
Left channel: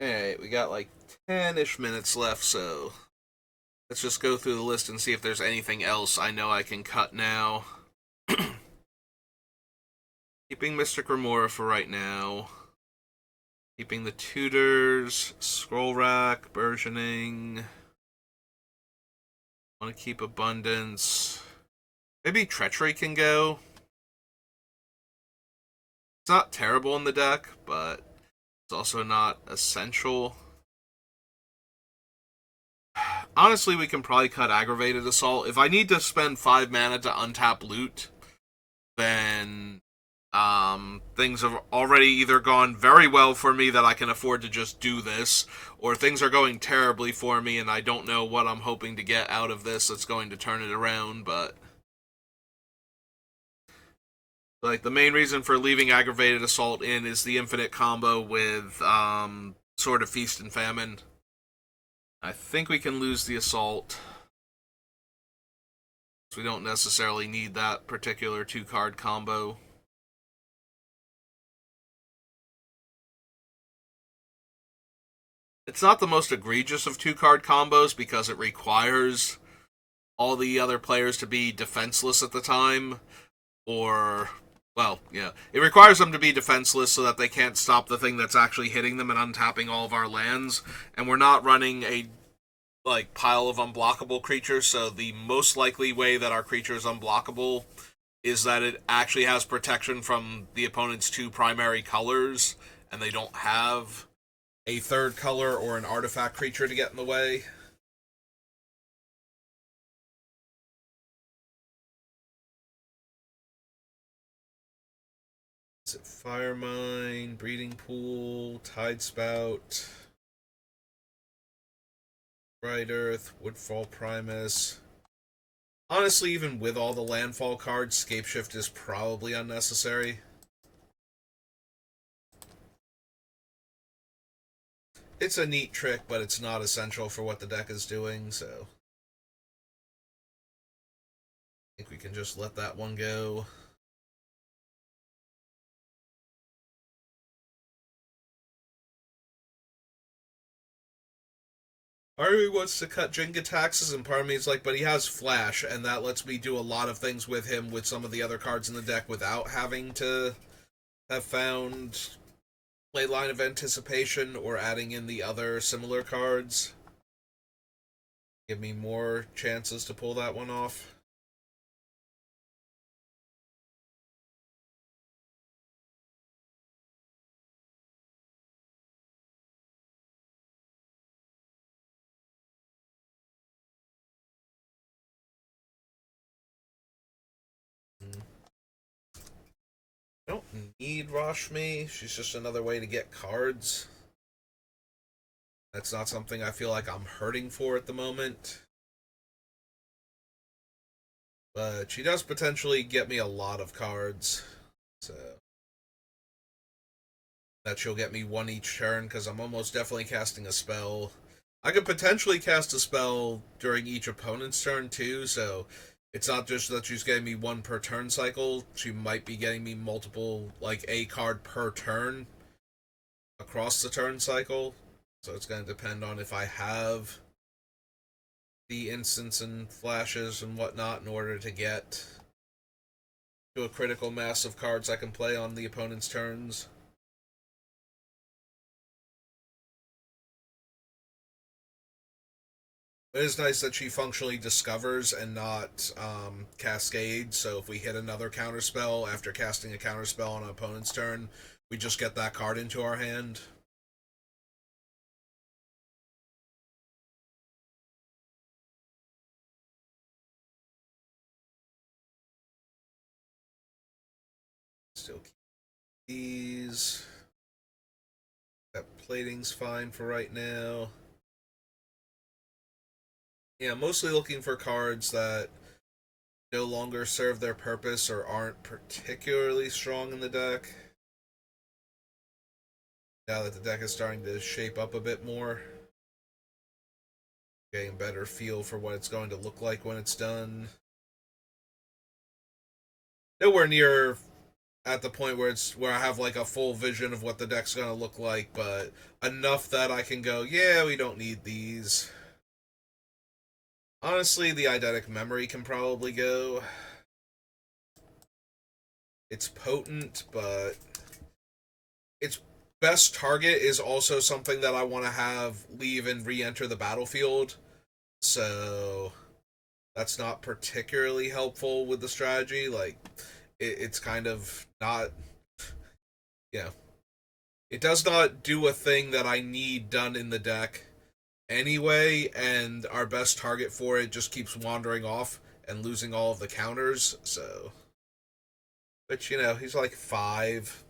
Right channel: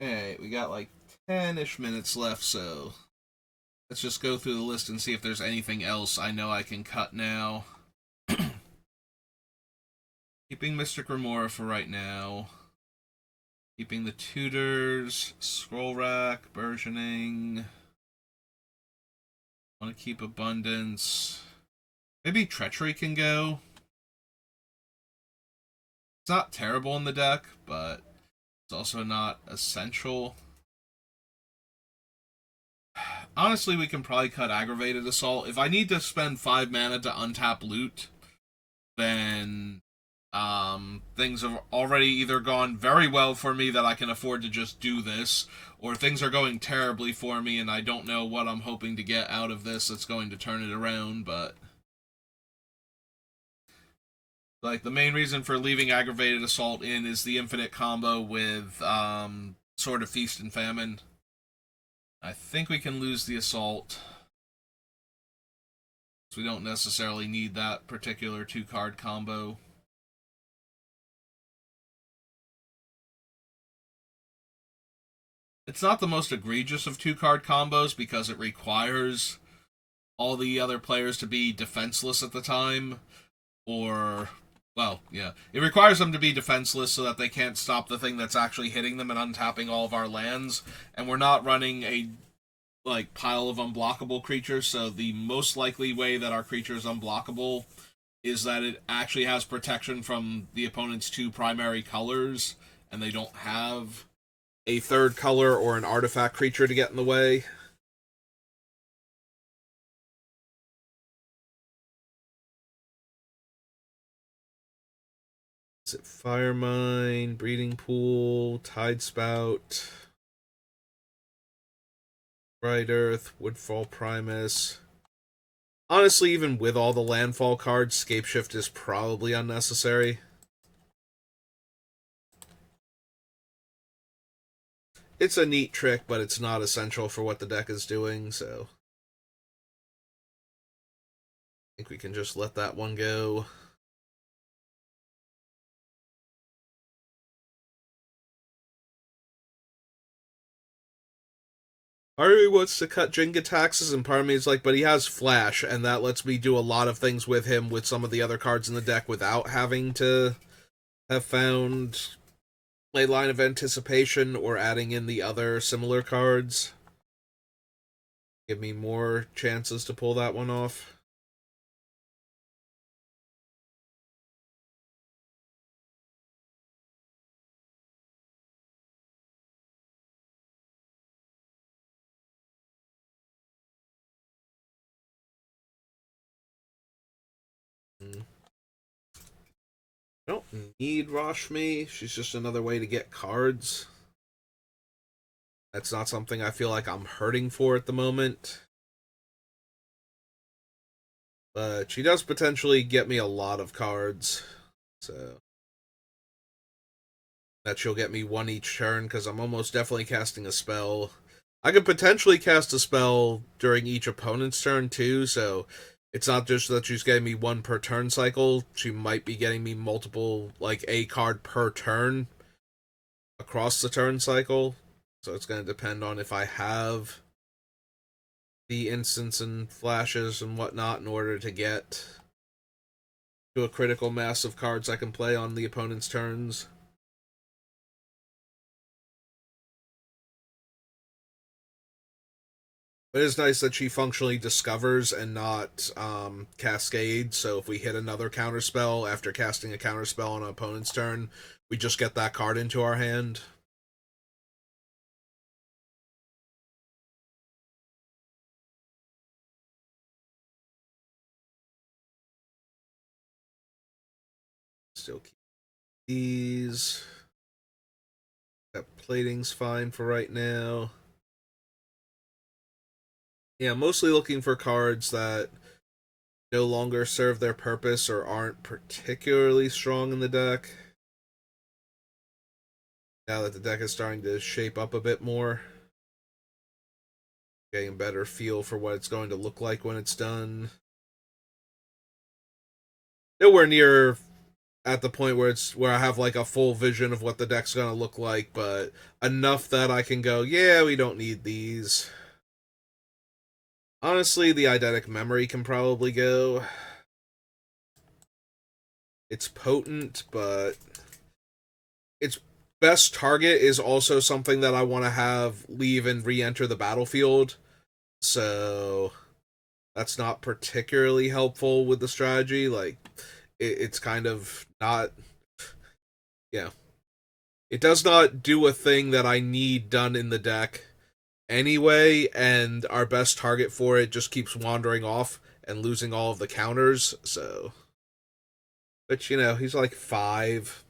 Alright, we got like 10-ish minutes left, so let's just go through the list and see if there's anything else I know I can cut now. Keeping Mystic Remora for right now. Keeping the Tutors, Scroll Rack, Burgeoning. Want to keep Abundance. Maybe Treachery can go. It's not terrible in the deck, but it's also not essential. Honestly, we can probably cut Aggravated Assault. If I need to spend 5 mana to untap loot, then things have already either gone very well for me that I can afford to just do this, or things are going terribly for me and I don't know what I'm hoping to get out of this that's going to turn it around, but like the main reason for leaving Aggravated Assault in is the infinite combo with Sword of Feast and Famine. I think we can lose the Assault. We don't necessarily need that particular 2-card combo. It's not the most egregious of 2-card combos because it requires all the other players to be defenseless at the time, or, well, yeah, it requires them to be defenseless so that they can't stop the thing that's actually hitting them and untapping all of our lands, and we're not running a like pile of unblockable creatures, so the most likely way that our creature is unblockable is that it actually has protection from the opponent's 2 primary colors, and they don't have a 3rd color or an artifact creature to get in the way. Is it Firemine, Breeding Pool, Tidespout, Bright Earth, Woodfall Primus? Honestly, even with all the landfall cards, Scapeshift is probably unnecessary. It's a neat trick, but it's not essential for what the deck is doing, so I think we can just let that one go. Part of me wants to cut Jenga taxes, and part of me is like, but he has Flash, and that lets me do a lot of things with him with some of the other cards in the deck without having to have found Leyline of Anticipation or adding in the other similar cards. Give me more chances to pull that one off. I don't need Rashmi. She's just another way to get cards. That's not something I feel like I'm hurting for at the moment. But she does potentially get me a lot of cards. So that she'll get me 1 each turn, because I'm almost definitely casting a spell. I could potentially cast a spell during each opponent's turn too, so it's not just that she's getting me 1 per turn cycle. She might be getting me multiple, like a card per turn across the turn cycle. So it's going to depend on if I have the instants and flashes and whatnot in order to get to a critical mass of cards I can play on the opponent's turns. But it's nice that she functionally discovers and not cascades. So if we hit another counterspell after casting a counterspell on an opponent's turn, we just get that card into our hand. Still keep these. That plating's fine for right now. Yeah, mostly looking for cards that no longer serve their purpose or aren't particularly strong in the deck. Now that the deck is starting to shape up a bit more, getting a better feel for what it's going to look like when it's done. Nowhere near at the point where I have like a full vision of what the deck's gonna look like, but enough that I can go, yeah, we don't need these. Honestly, the eidetic memory can probably go. It's potent, but its best target is also something that I want to have leave and re-enter the battlefield. So that's not particularly helpful with the strategy. Like, it's kind of not, yeah. It does not do a thing that I need done in the deck anyway, and our best target for it just keeps wandering off and losing all of the counters. So, but he's like 5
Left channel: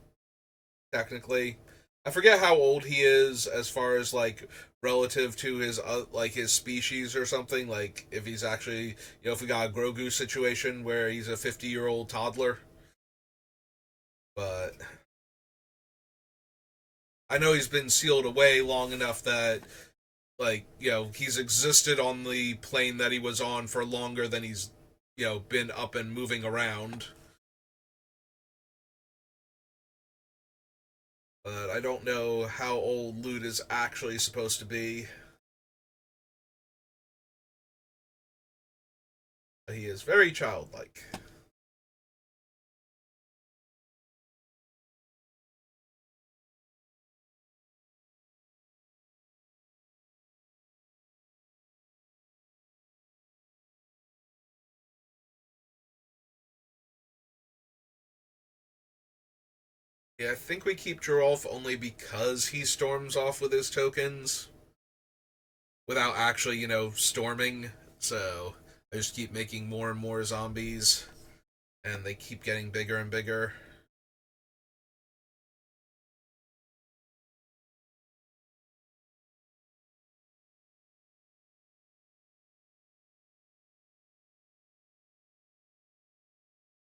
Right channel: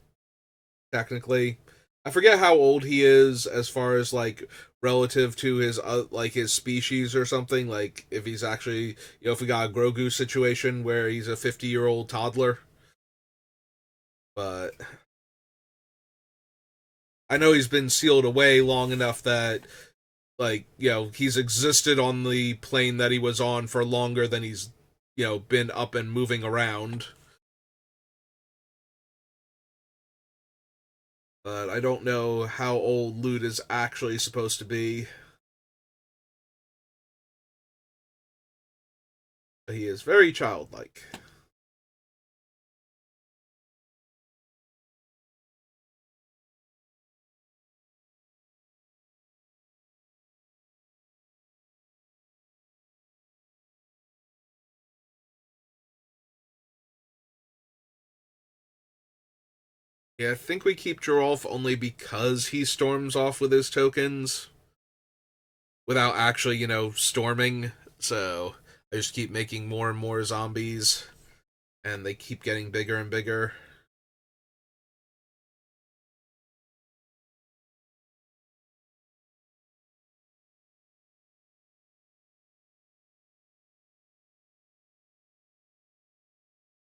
technically. I forget how old he is as far as like relative to his like his species or something. Like if he's actually if we got a Grogu situation where he's a 50-year-old toddler, but I know he's been sealed away long enough that like he's existed on the plane that he was on for longer than he's been up and moving around. But I don't know how old Lute is actually supposed to be. He is very childlike. Yeah, I think we keep Gerolf only because he storms off with his tokens without actually, storming. So I just keep making more and more zombies, and they keep getting bigger and bigger.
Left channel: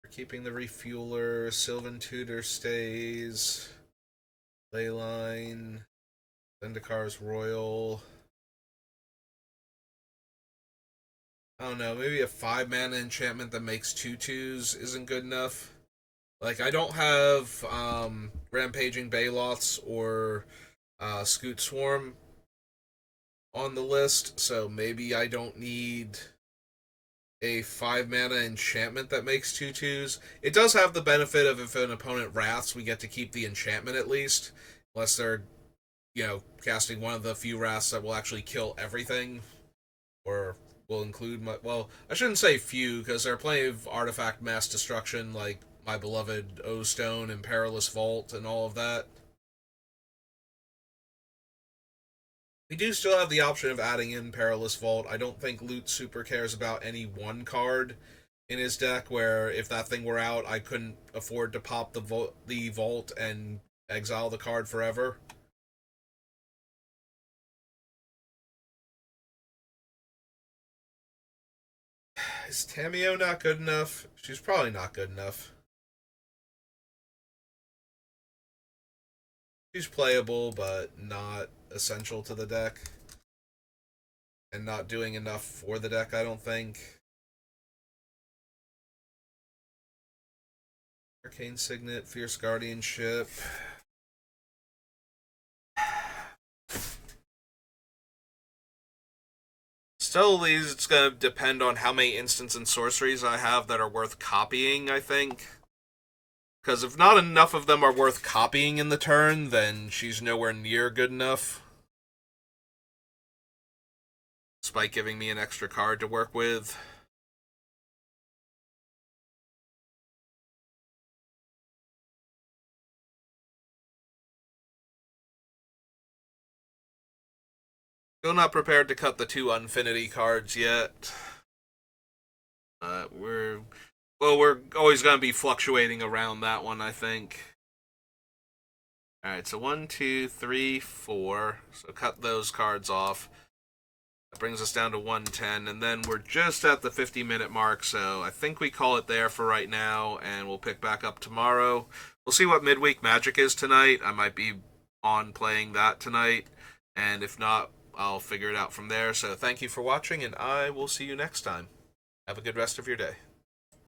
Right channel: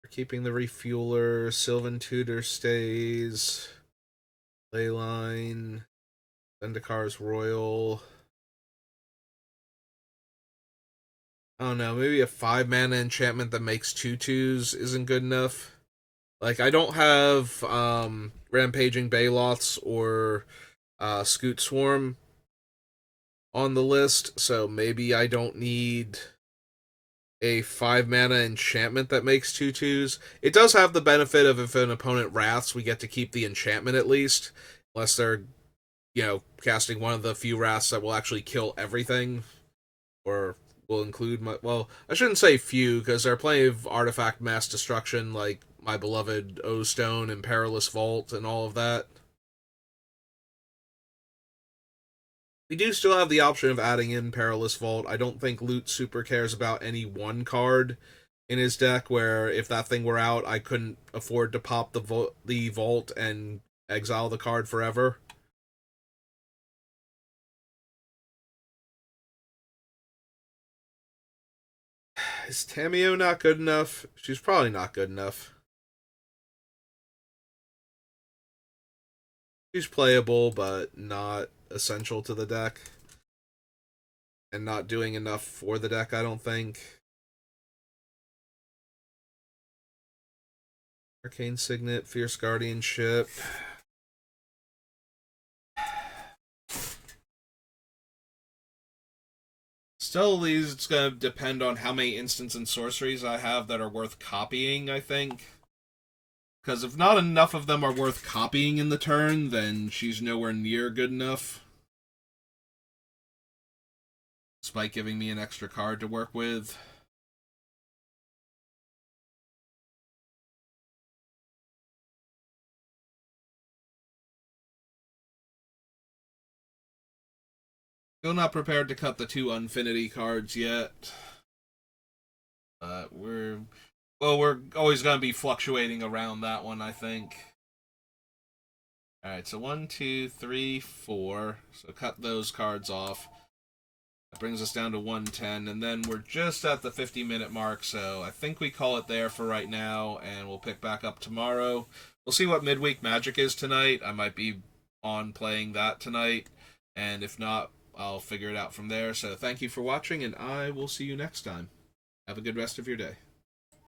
We're keeping the refueler. Sylvan Tutor stays. Leyline. Zendikar's Royal. I don't know, maybe a 5 mana enchantment that makes 2/2s isn't good enough. Like, I don't have Rampaging Baloths or Scoot Swarm on the list, so maybe I don't need a 5 mana enchantment that makes 2/2s. It does have the benefit of if an opponent wraths, we get to keep the enchantment at least, unless they're, casting one of the few wraths that will actually kill everything, or will include my. Well, I shouldn't say few, because there are plenty of artifact mass destruction, like my beloved O Stone and Perilous Vault and all of that. We do still have the option of adding in Perilous Vault. I don't think Lute super cares about any one card in his deck, where if that thing were out, I couldn't afford to pop the vault and exile the card forever. Is Tamio not good enough? She's probably not good enough. She's playable, but not essential to the deck. And not doing enough for the deck, I don't think. Arcane Signet, Fierce Guardianship. Still, it's going to depend on how many instants and sorceries I have that are worth copying, I think. Because if not enough of them are worth copying in the turn, then she's nowhere near good enough. despite giving me an extra card to work with. Still not prepared to cut the 2 Unfinity cards yet. We're always going to be fluctuating around that one, I think. All right, so 1, 2, 3, 4. So cut those cards off. That brings us down to 110, and then we're just at the 50-minute mark. So I think we call it there for right now, and we'll pick back up tomorrow. We'll see what midweek Magic is tonight. I might be on playing that tonight, and if not, I'll figure it out from there. So thank you for watching, and I will see you next time. Have a good rest of your day.